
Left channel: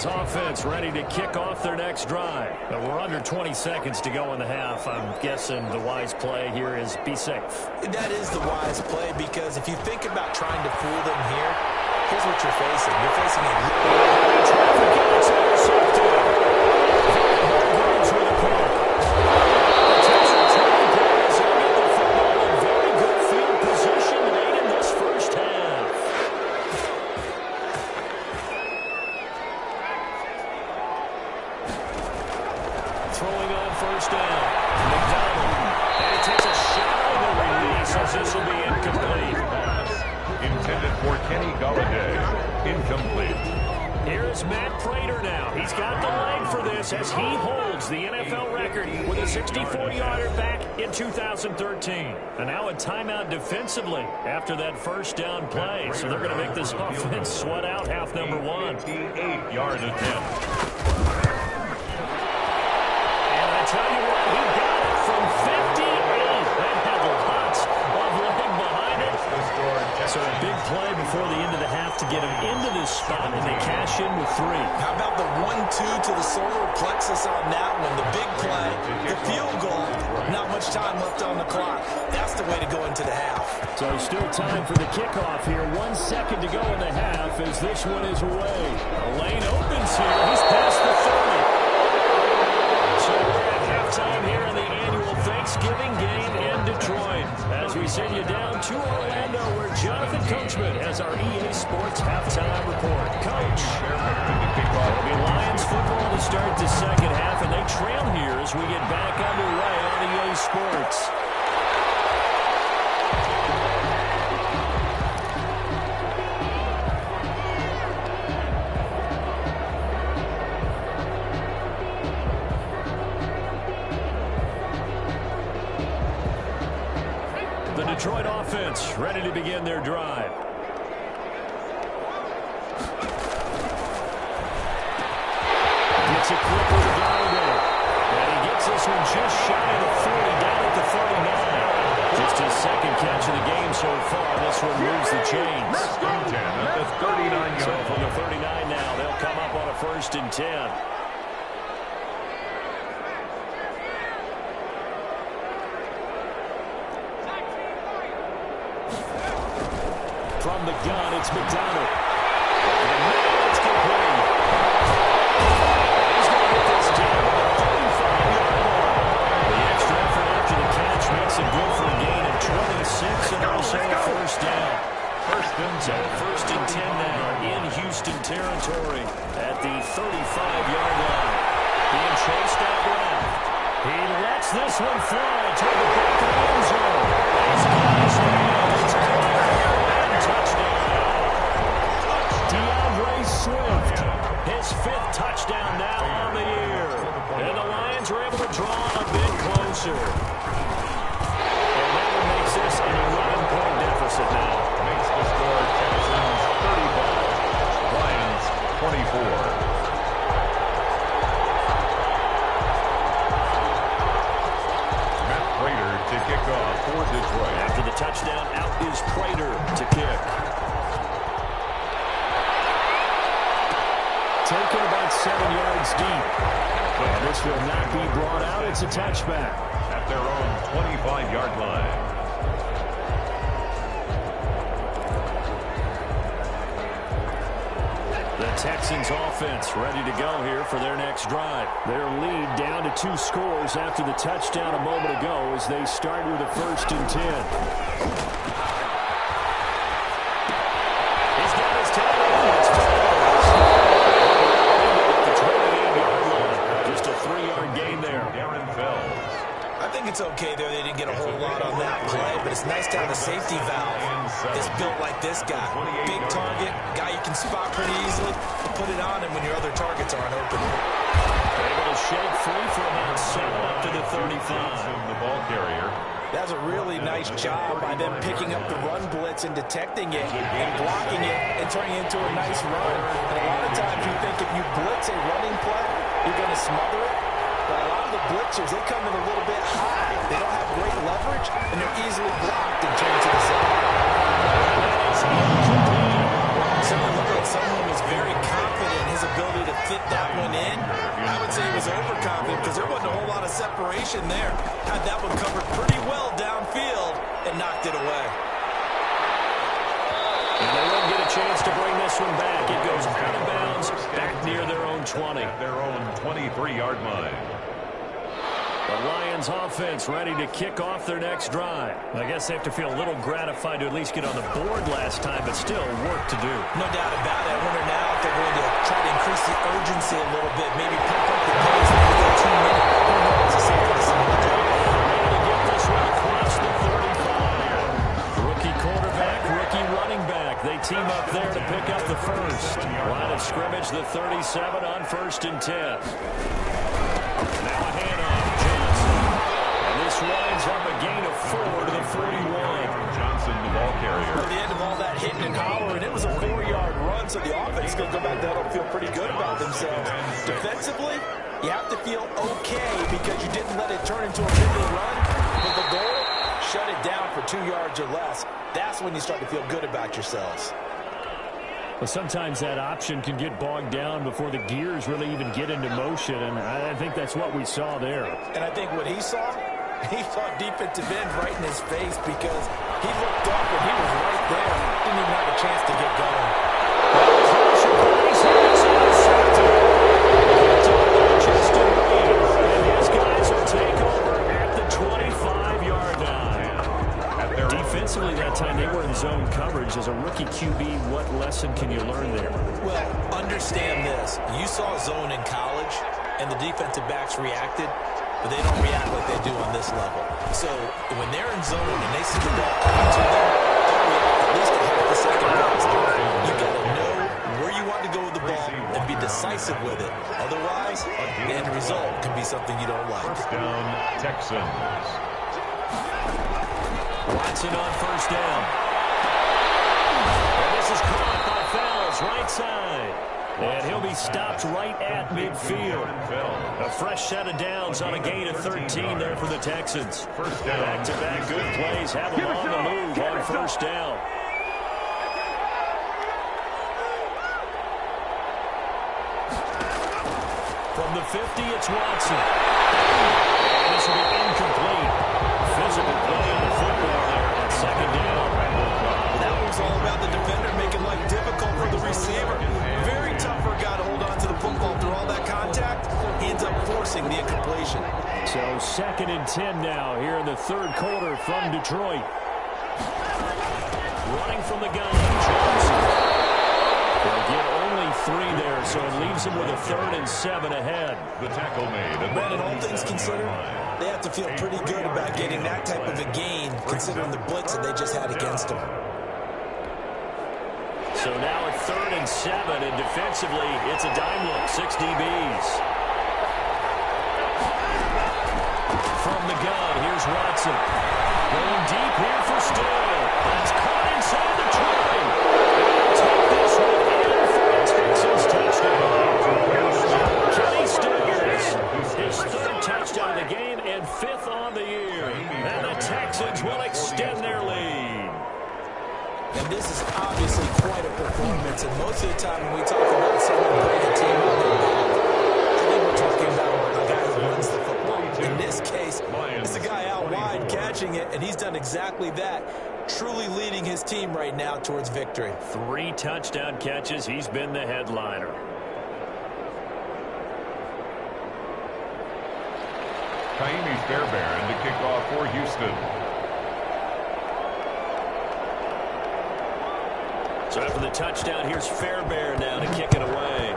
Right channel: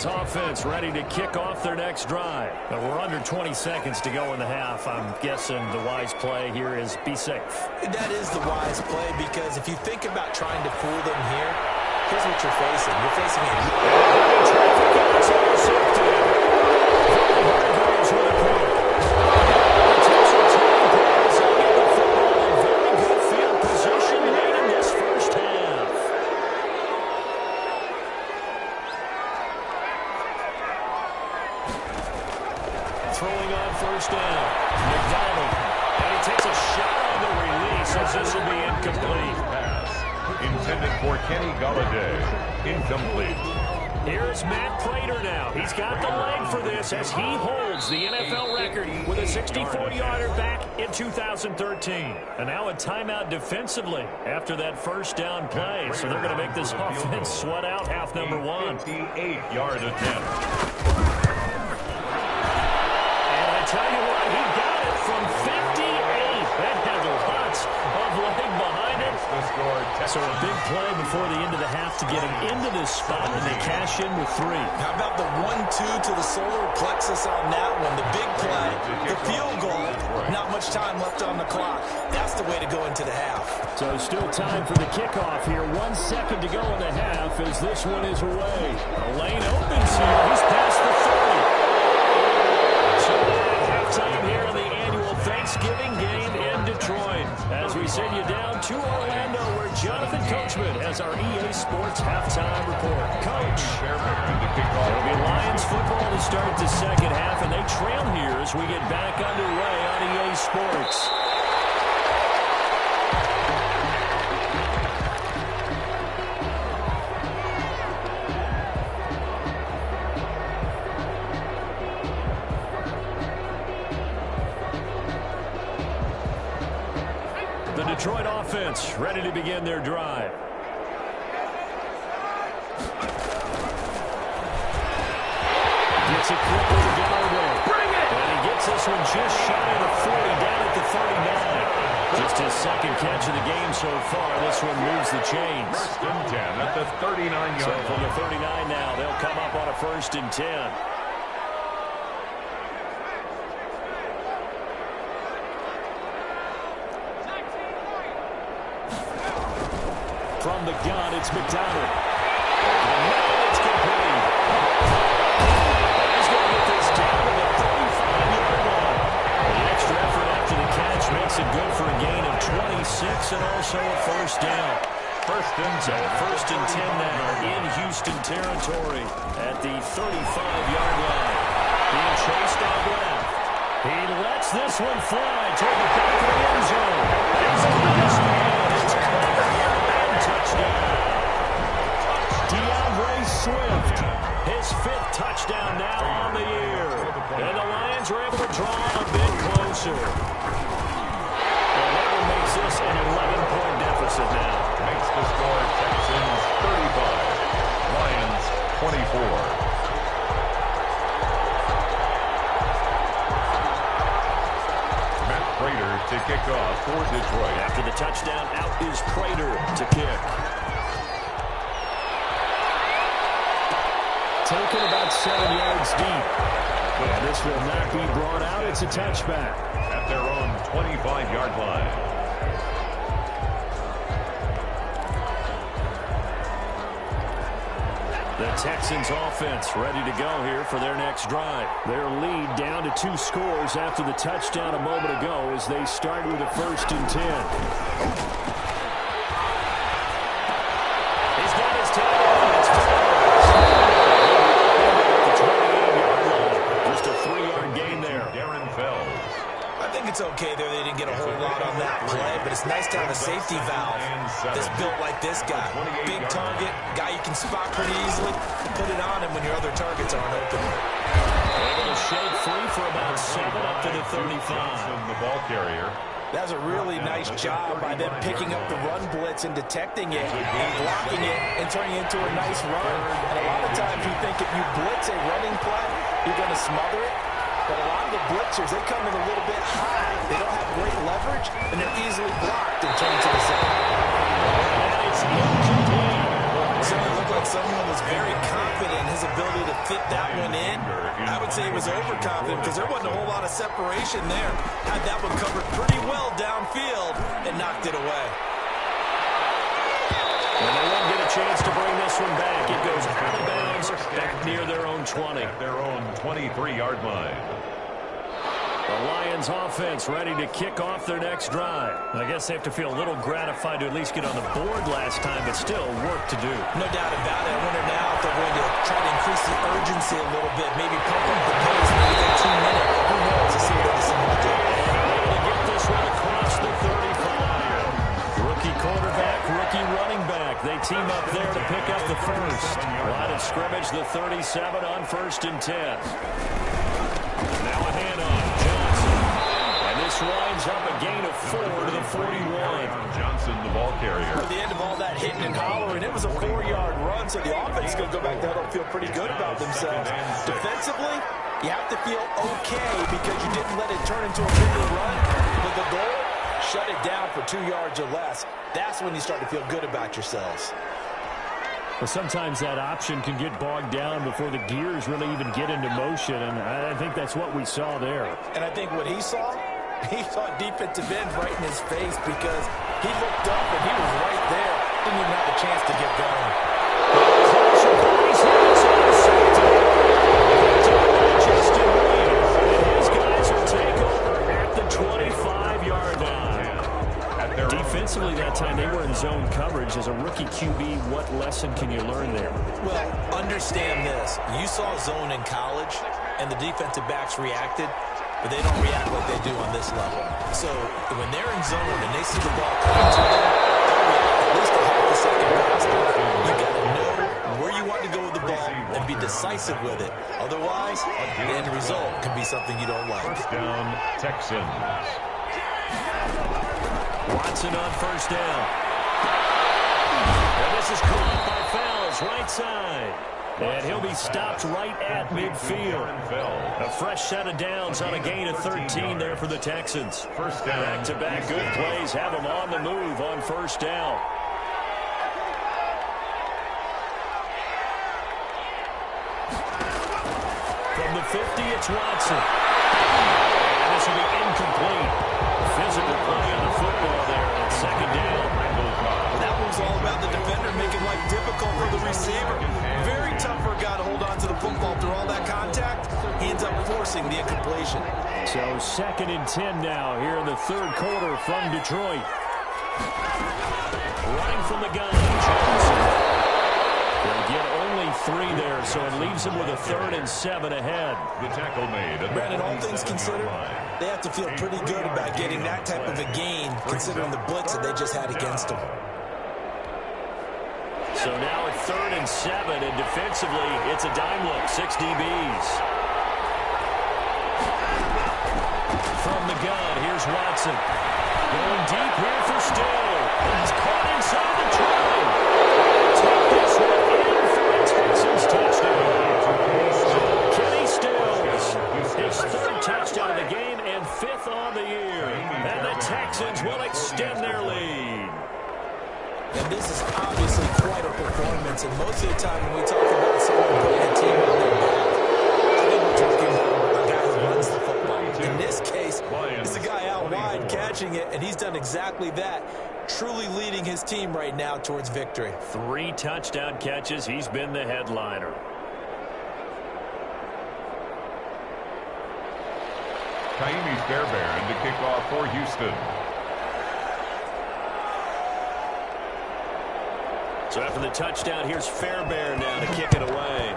Offense ready to kick off their next drive. But we're under 20 seconds to go in the half. I'm guessing the wise play here is be safe. That is the wise play, because if you think about trying to fool them here, here's what you're facing. You're facing a heavy traffic, and it's intercepted. Hargreaves with a pick. Potential turning point as they get the football in very good field position late in this first half. Throwing on 1st down. McDonald. And he takes a shot on the release as this will be incomplete. Pass intended for Kenny Golladay. Incomplete. Here is Matt Prater now. He's got the leg for this as he holds the NFL record with a 64-yarder back in 2013. And now a timeout defensively after that 1st down play. So they're going to make this offense sweat out half number 1. 58-yard attempt. Tell you what, he got it from 58. That had lots of leg behind it. So a big play before the end of the half to get him into this spot, and they cash in with 3. How about the 1-2 to the solar plexus on that one? The big play, the field goal, not much time left on the clock. That's the way to go into the half. So still time for the kickoff here. 1 second to go in the half as this one is away. A lane opens here. He's past the 30. So we're at halftime here in the annual Thanksgiving game in Detroit. As we send you down to Orlando, where Jonathan Coachman has our EA Sports halftime report. Coach, it'll be Lions football to start the second half, and they trail here as we get back underway on EA Sports. Detroit offense ready to begin their drive. Gets it quick with Golladay. And he gets this one just shy of the 40, down at the 39. Just his 2nd catch of the game so far. This one moves the chains. 1st and 10 at the 39-yard line. So from the 39 now, they'll come up on a 1st and 10. From the gun, it's McDonald. Over the middle, it's complete. And he's going to get this down to the 35-yard line. The extra effort after the catch makes it good for a gain of 26 and also a 1st down. 1st and 10. So 1st and 10 now in Houston territory at the 35-yard line. Being chased out left. He lets this one fly toward the back of the end zone. He's got his man. It's touchdown. DeAndre Swift, his 5th touchdown now on the year. And the Lions are able to draw a bit closer. And that one makes this an 11-point deficit now. Makes the score Texans 35, Lions 24. Prater to kick off for Detroit. After the touchdown, out is Prater to kick. Taken about 7 yards deep. And this will not be brought out. It's a touchback. At their own 25-yard line. The Texans offense ready to go here for their next drive. Their lead down to 2 scores after the touchdown a moment ago as they start with a 1st and 10. He's got his tight end. It's Fells. At the 28-yard line. Just a 3-yard gain there. Darren Fells. I think it's okay there. They didn't get a whole lot on that play, but it's nice to have a safety valve that's built like this guy. Big target, guy you can spot pretty easily, and put it on him when your other targets aren't open. Able to shake free for about 7 up to the 35. The ball carrier. That's a really nice job by them picking up the run blitz and detecting it and blocking it and turning it into a nice run. And a lot of times you think if you blitz a running play, you're going to smother it. But a lot of the blitzers, they come in a little bit high. They don't have great leverage, and they're easily blocked and turned to the side. That is incomplete. Certainly looked like someone was very confident in his ability to fit that one in. I would say he was overconfident because there wasn't a whole lot of separation there. Had that one covered pretty well downfield and knocked it away. And they won't get a chance to bring this one back. It goes out of bounds back near their own 20. At their own 23-yard line. The Lions offense ready to kick off their next drive. I guess they have to feel a little gratified to at least get on the board last time, but still work to do. No doubt about it. I wonder now if they're going to try to increase the urgency a little bit, maybe pump up the pace, maybe go 2 minutes. Who knows? Let's see what they decide to do. And they're able to get this one across the 35. Rookie quarterback, rookie running back. They team up there to pick up the first. Line of scrimmage, the 37 on 1st and 10. Now a handoff. This winds up a gain of 4 to the 41. Johnson, the ball carrier. At the end of all that hitting and hollering, it was a 4-yard run, so the offense is going to go back down and feel pretty good about themselves. Defensively, you have to feel okay because you didn't let it turn into a bigger run, but the goal, shut it down for 2 yards or less. That's when you start to feel good about yourselves. Well, sometimes that option can get bogged down before the gears really even get into motion, and I think that's what we saw there. And I think what he saw defensive end right in his face because he looked up and he was right there. Didn't even have a chance to get going. And his guys will take over at the 25-yard line. Defensively that time they were in zone coverage. As a rookie QB, what lesson can you learn there? Well, understand this. You saw zone in college and the defensive backs reacted, but they don't react like they do on this level. So when they're in zone and they see the ball coming to them, they'll react at least a half a second faster. You got to know where you want to go with the ball and be decisive with it. Otherwise, the end result can be something you don't like. First down, Texans. Watson on first down. And this is caught by Fells, right side. And he'll be stopped right at midfield. A fresh set of downs on a gain of 13 there for the Texans. First down. Back-to-back good plays have them on the move on first down. From the 50, it's Watson. And this will be incomplete. Physical play on the football there, and it's second down. That one's all about the defender making life difficult for the receiver. Very tough for a guy to hold on to the football through all that contact. He ends up forcing the incompletion. So 2nd and 10 now here in the 3rd quarter from Detroit. Running from the gun, Johnson. They'll get only 3 there, so it leaves them with a 3rd and 7 ahead. The tackle made. Brandon, all things considered, they have to feel pretty good about getting that type of a gain, considering the blitz that they just had against them. So now at 3rd and 7, and defensively, it's a dime look, 6 DBs. From the gun, here's Watson. Going deep here for Still. That's caught inside the 20. They'll take this one in for a Texans touchdown. Kenny Stills, his 3rd touchdown of the game and 5th on the year. And the Texans will extend their lead. And this is obviously quite a performance. And most of the time when we talk about someone putting a team on their back, I think we're talking about a guy who runs the football. In this case, it's a guy out wide catching it, and he's done exactly that, truly leading his team right now towards victory. 3 touchdown catches. He's been the headliner. Kaimi Fairbairn to kick off for Houston. So after the touchdown, here's Fairbairn now to kick it away.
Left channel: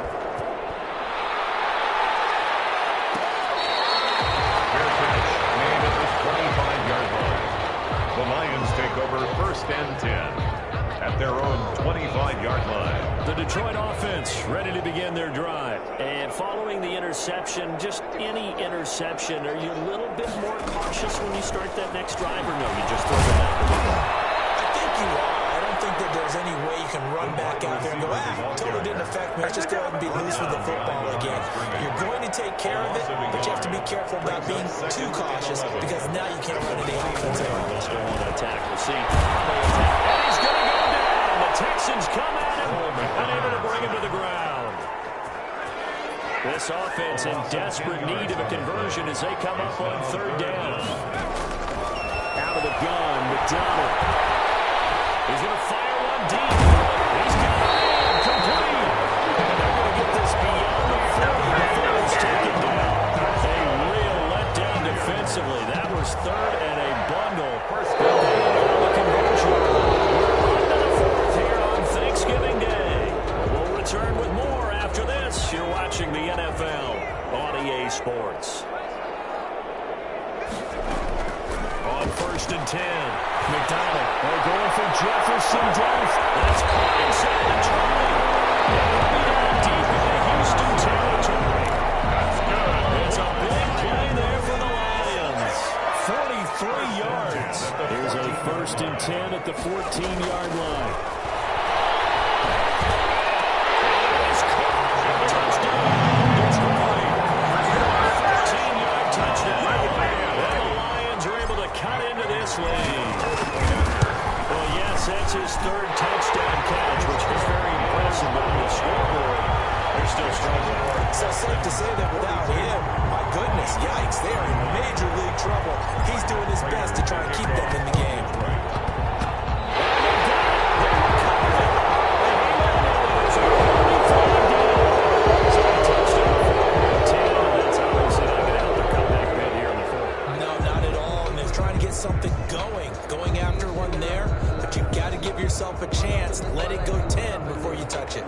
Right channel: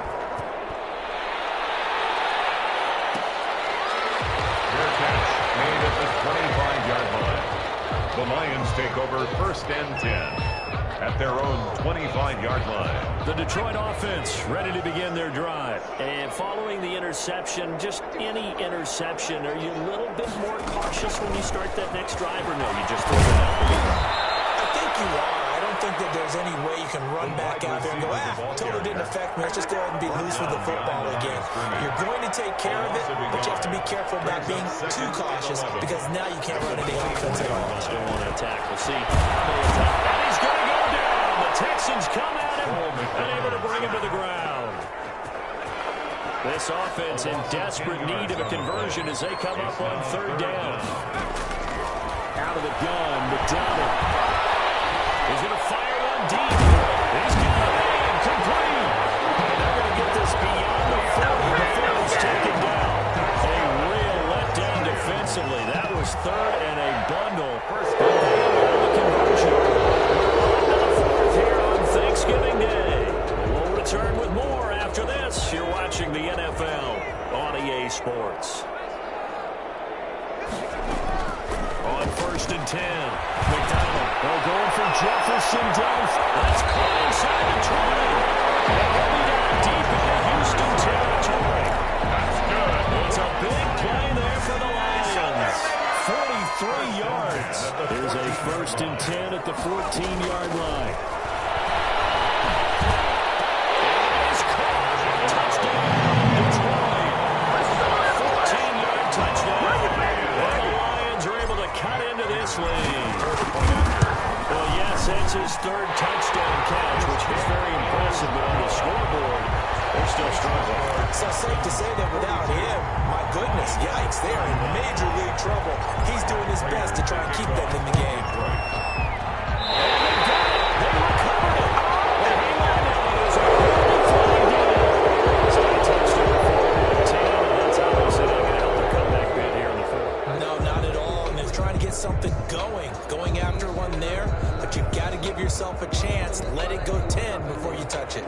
Fair catch made at the 25-yard line. The Lions take over first and 10 at their own 25-yard line. The Detroit offense ready to begin their drive. And following the interception, just any interception, are you a little bit more cautious when you start that next drive, or no, you just throw it out the window? I think you are. I don't think that there's any way you can run back out there and go, totally didn't affect me. Let's just go ahead and be loose with the football again. You're going to take care of it, but you have to be careful about being too cautious because now you can't run any offense at all. Still want to attack. We'll see how they attack. And he's going to go down. The Texans come at him, unable to bring him to the ground. This offense in desperate need of a conversion as they come up on third down. Out of the gun, McDonald. He's going to fire one deep. He's got a man complete. And they're going to get this beyond the 40 before he's taken down. A real letdown defensively. That was third and a bundle. But they allow the conversion. We're on to the fourth here on Thanksgiving Day. We'll return with more after this. You're watching the NFL on EA Sports. On first and 10, McDonald. They're going for Jefferson down. That's caught inside the 20. And he'll be down deep into Houston territory. That's good. It's a big play there for the Lions. 43 yards. Here's a first and 10 at the 14-yard line. And it's caught. Touchdown, Detroit. 14-yard touchdown. And the Lions are able to cut into this lead. Well, yes, that's his third touchdown catch, which is very impressive, but on the scoreboard, they're still struggling. So safe to say that without him, my goodness, yikes, they are in major league trouble. He's doing his best to try and keep them in the game. And they got it. They recovered it. They hang on now. There's a penalty flag down. So they touched it before 10, and that's obviously not going to help their comeback bid here in the fourth. No, not at all. And they're trying to get something going after one there. But you've got to give yourself a chance. Let it go 10 before you touch it.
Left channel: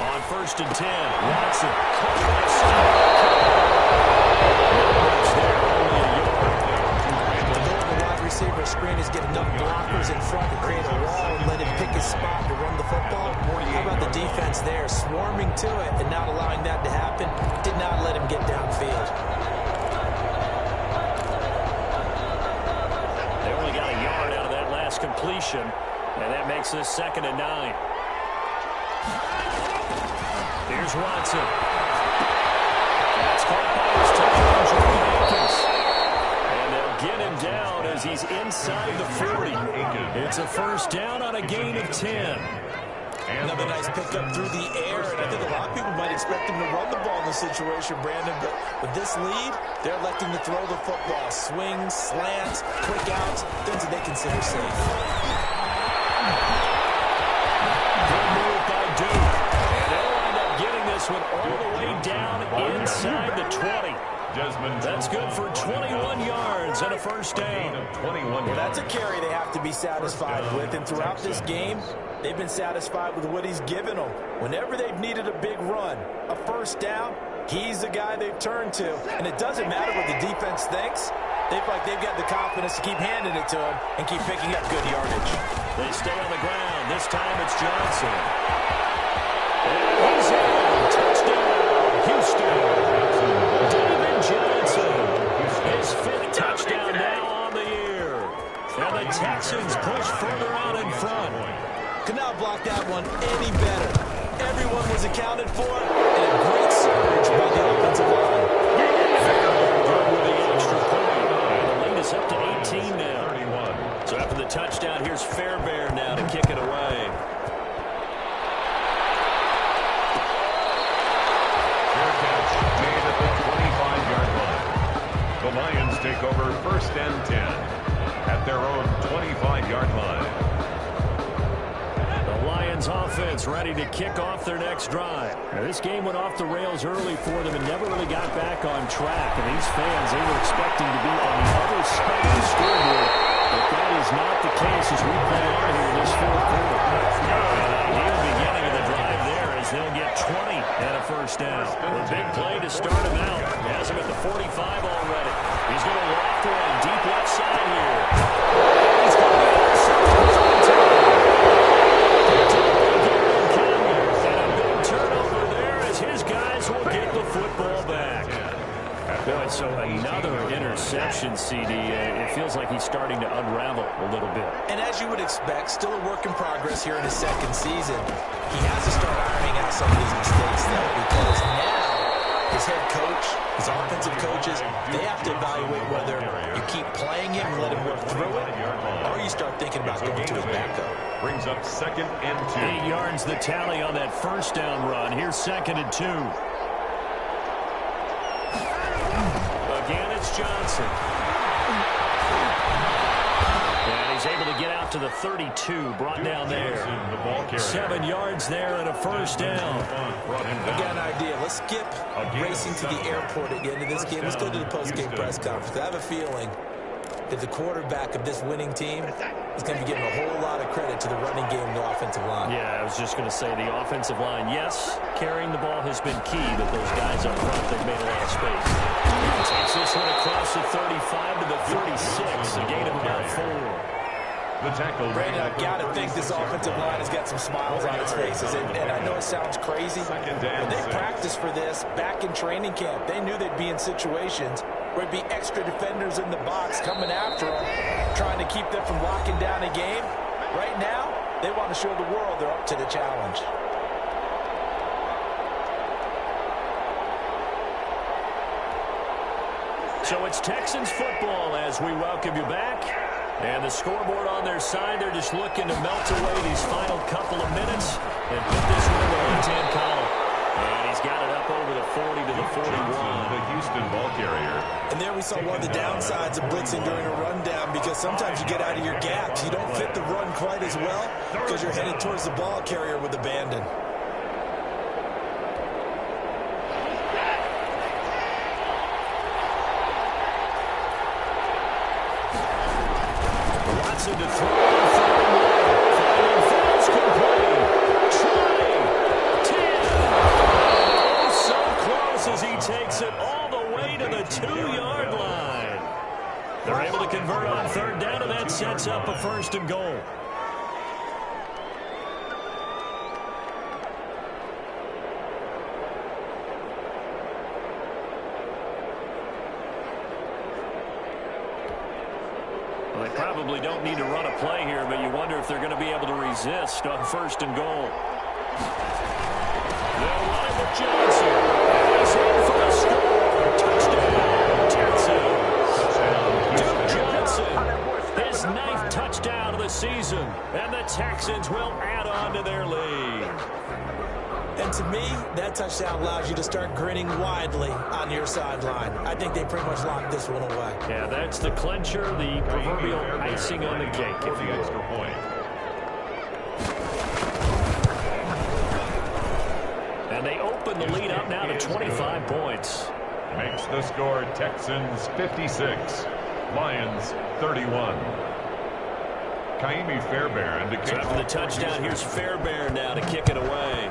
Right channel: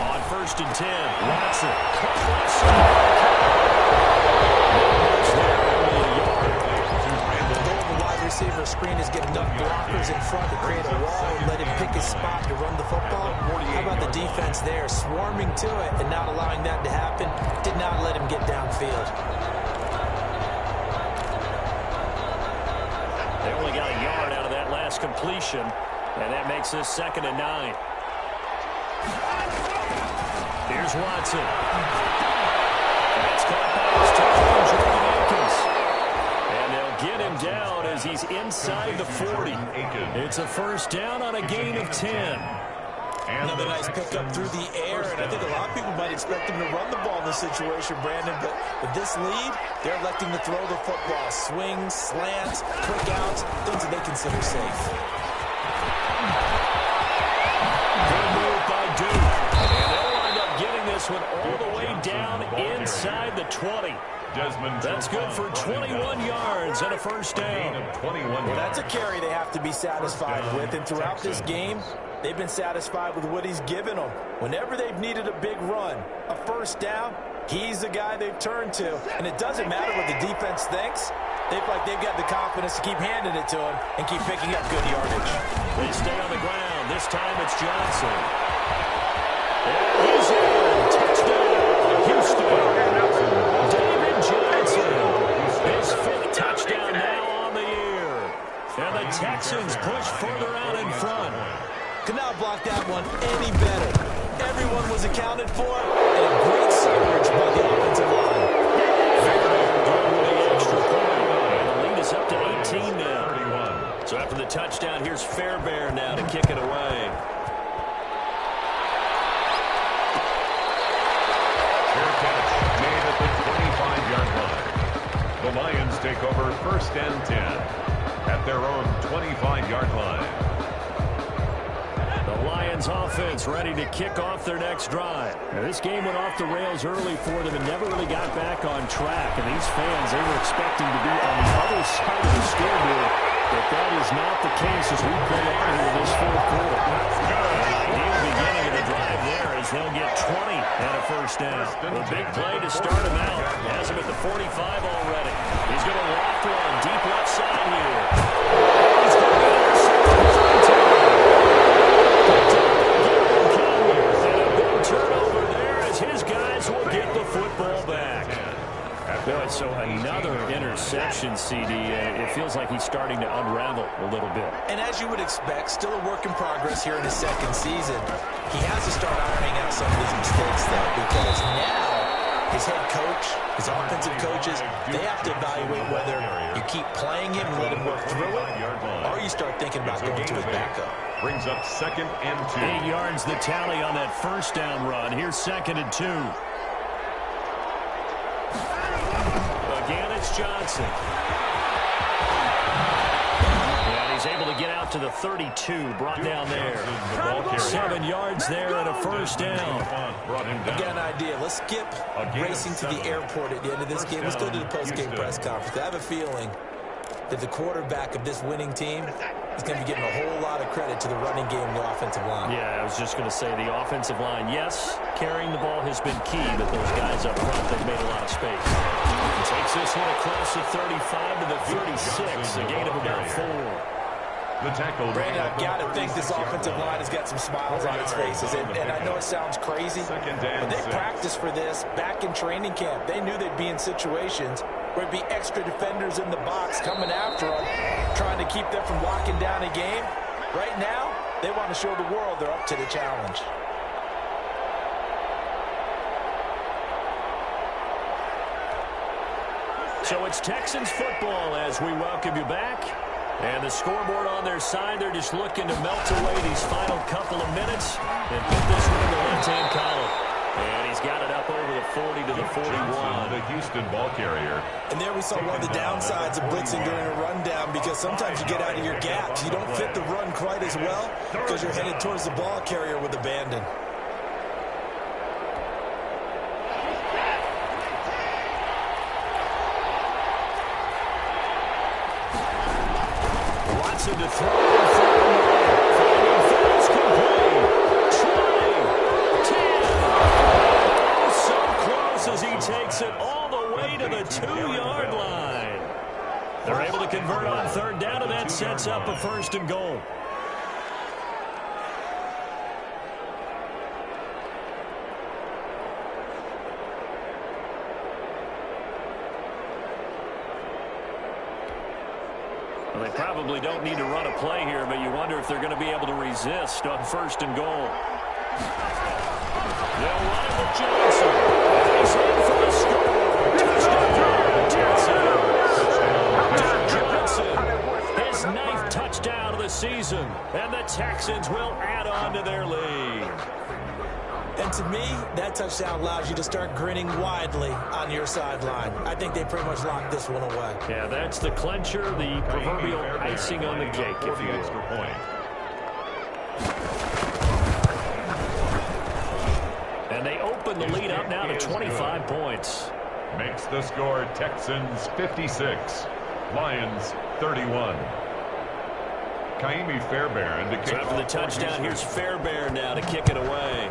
On first and 10, Watson. Not much there, only a yard. The goal of the wide receiver screen is get enough blockers in front to create a wall and let him pick his spot to run the football. How about the defense there, swarming to it and not allowing that to happen? Did not let him get downfield. They only got a yard out of that last completion, and that makes this 2nd and 9. Here's Watson. That's caught by his tight end, Jordan Akins. And they'll get him down as he's inside the 40. It's a first down on a gain of 10. Another nice pickup through the air, and I think a lot of people might expect him to run the ball in this situation, Brandon, but with this lead, they're electing to throw the football. Swings, slants, quick outs, things that they consider safe. Good move by Duke. And they'll wind up getting this one all the way down inside the 20. That's good for 21 yards and a first down. Well, that's a carry they have to be satisfied with, and throughout this game, they've been satisfied with what he's given them. Whenever they've needed a big run, a first down, he's the guy they've turned to. And it doesn't matter what the defense thinks. They feel like they've got the confidence to keep handing it to him and keep picking up good yardage. They stay on the ground. This time it's Johnson. And he's in. Touchdown, Houston. David Johnson. His 5th touchdown now on the year. And the Texans push further out in front. Could not block that one any better. Everyone was accounted for, and a great surge by the offensive line. Very good with the extra point. And the lead is up to 18 now. So after the touchdown, here's Fairbairn now to kick it away. Fair catch made at the 25-yard line. The Lions take over first and 10 at their own 25-yard line. The Lions offense ready to kick off their next drive. Now, this game went off the rails early for them and never really got back on track. And these fans, they were expecting to be on the other side of the scoreboard. But that is not the case as we play on here in this fourth quarter. An ideal beginning of the drive there as yards. They'll get 20 and a first down. A big play to start him out. Has him at the 45 already. He's going to loft one deep left side here. And he's going to be intercepted. And a big turnover there as his guys will get the football back. Boy, so another interception, CD. It feels like he's starting to unravel a little bit. And as you would expect, still a work in progress here in his second season. He has to start ironing out some of these mistakes, though, because now his head coach, his offensive coaches, they have to evaluate whether you keep playing him and let him work through it, or you start thinking about going to his backup. Brings up 2nd and 2. 8 yards the tally on that first down run. Here's 2nd and 2. Again, it's Johnson. And he's able to get out to the 32, brought down there. 7 yards there and a first down. I got an idea. Let's skip racing to the airport at the end of this game. Let's go to the post-game press conference. I have a feeling that the quarterback of this winning team is going to be giving a whole lot of credit to the running game and the offensive line. Yeah, I was just going to say the offensive line, yes, carrying the ball has been key, but those guys up front, they've made a lot of space. He takes this one across the 35 to the 36, a gain of about 4. The tackle. Brandon, I've got to think this offensive line has got some smiles on its faces. And I know it sounds crazy, but they practiced for this back in training camp. They knew they'd be in situations where it'd be extra defenders in the box coming after them, trying to keep them from locking down a game. Right now, they want to show the world they're up to the challenge. So it's Texans football as we welcome you back. And the scoreboard on their side, they're just looking to melt away these final couple of minutes and put this one in the left-hand column. And he's got it up over the 40 to the 41. The Houston ball carrier. And there we saw one of the downsides of blitzing during a rundown, because sometimes you get out of your gaps. You don't fit the run quite as well because you're headed towards the ball carrier with abandon. Watson to throw in 3-1. Finding Fields complete. 20, 10. Oh, so close as he takes it all the way to the 2-yard line. They're able to convert on 3rd down, and that sets up a 1st and goal. Well, they probably don't need to run a play here, but you wonder if they're going to be able to resist on 1st and goal. They'll run it with Johnson. And he's in for the score. Touchdown, Johnson. Duke Johnson, his 9th touchdown of the season. And the Texans will add on to their lead. And to me, that touchdown allows you to start grinning widely on your sideline. I think they pretty much locked this one away. Yeah, that's the clincher, the proverbial icing on the cake, if you will. Extra point. And they open the lead up now to 25 points. Makes the score Texans 56, Lions 31. Kaimi Fairbairn to kick so after the touchdown, here's Fairbairn now to kick it away.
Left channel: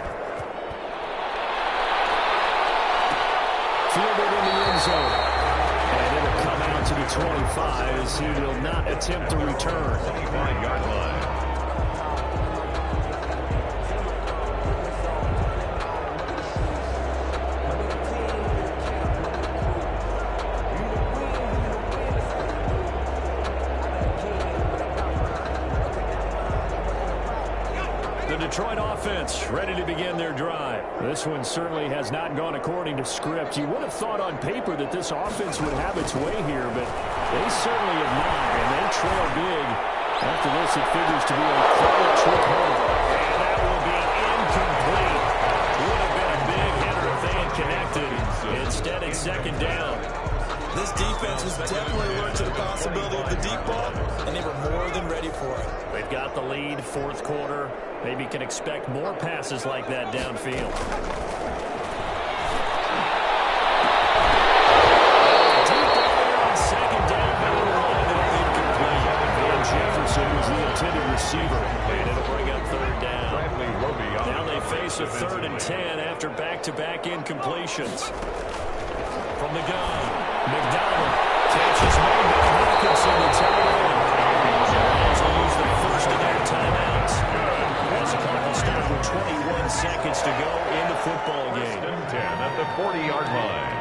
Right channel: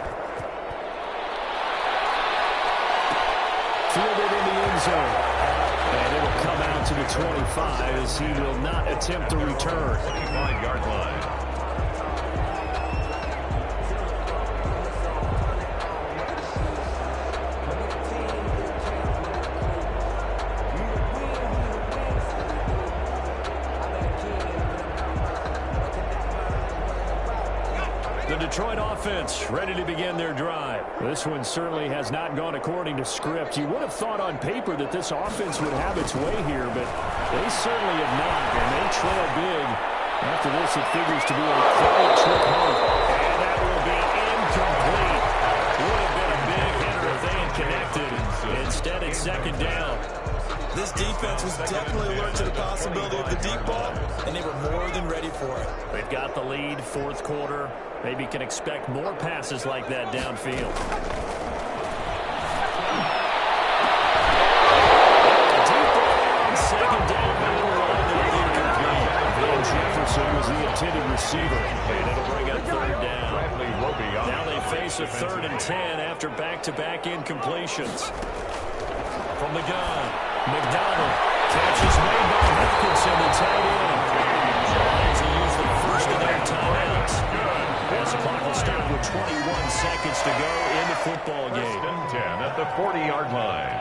Fielded in the end zone. And it'll come out to the 25 as he will not attempt to return. 25-yard line. The Detroit offense ready to begin their drive. This one certainly has not gone according to script. You would have thought on paper that this offense would have its way here, but they certainly have not, and they trail big. After this, it figures to be a quiet trip home. And that will be incomplete. Would have been a big hitter if they had connected. Instead, it's 2nd down. This defense was definitely alert to the possibility of the deep ball, and they were more than ready for it. They've got the lead, 4th quarter. Maybe can expect more passes like that downfield. Deep ball there on 2nd down, but it'll wind up incomplete. Van Jefferson was the intended receiver, and it'll bring up 3rd down. Now they face a 3rd and 10 after back-to-back incompletions. From the gun, McDonald. Catch is made by Hawkinson, the tight end. The Lions will use the first of their timeouts. As the clock will start with 21 seconds to go in the football game. 1st and 10 at the 40-yard line.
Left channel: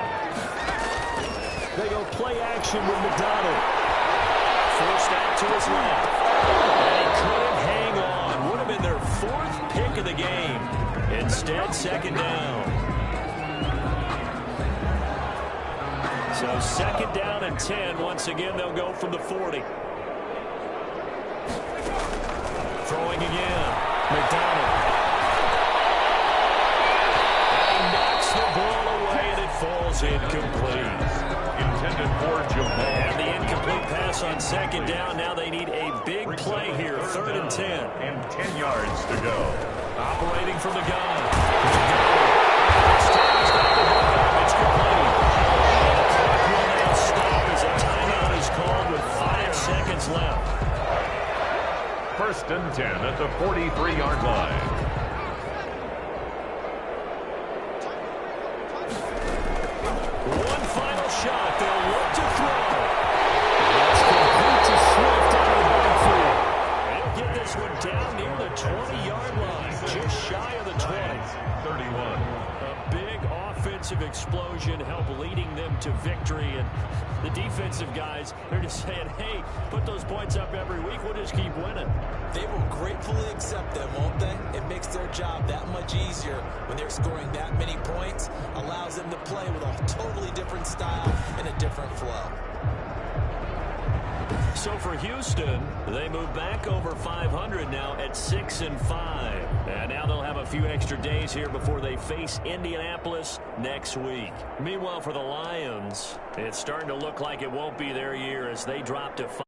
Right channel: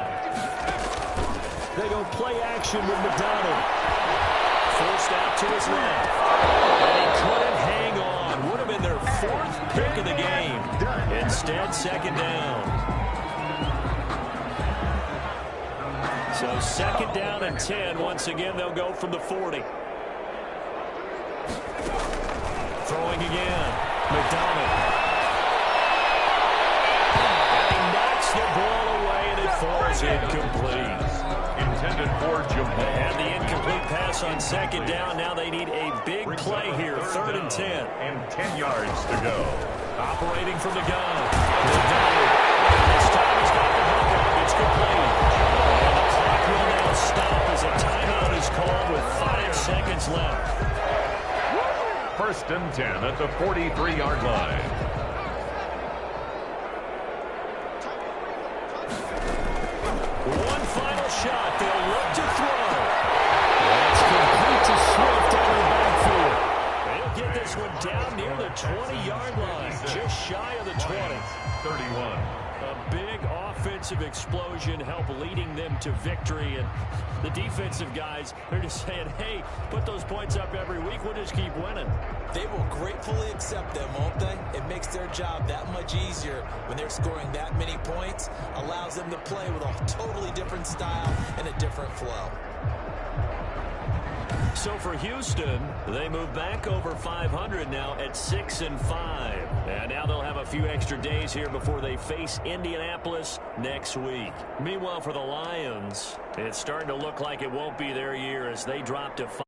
They go play action with McDonald. Forced out to his left. And he couldn't hang on. Would have been their 4th pick of the game. Instead, 2nd down. So 2nd down and 10. Once again, they'll go from the 40. Throwing again. McDonald. And he knocks the ball away, and it falls incomplete. Intended for Jamal. And the incomplete pass on 2nd down. Now they need a big play here. 3rd and 10. And 10 yards to go. Operating from the gun. McDonald. And this time he's got the hook up. It's complete. And the clock will now stop as a timeout is called with 5 seconds left. 1st and 10 at the 43-yard line. One final shot. They'll look to throw. That's complete to Swift out of the backfield. They'll get this one down near the 20-yard line, just shy of the 20. 31. A big offensive explosion help leading them to victory. And the defensive guys, they're just saying, hey, put those points up every week. We'll just keep winning. They will gratefully accept them, won't they? It makes their job that much easier when they're scoring that many points. Allows them to play with a totally different style and a different flow. So for Houston, they move back over 500 now at 6-5. And now they'll have a few extra days here before they face Indianapolis next week. Meanwhile, for the Lions, it's starting to look like it won't be their year as they drop to 5.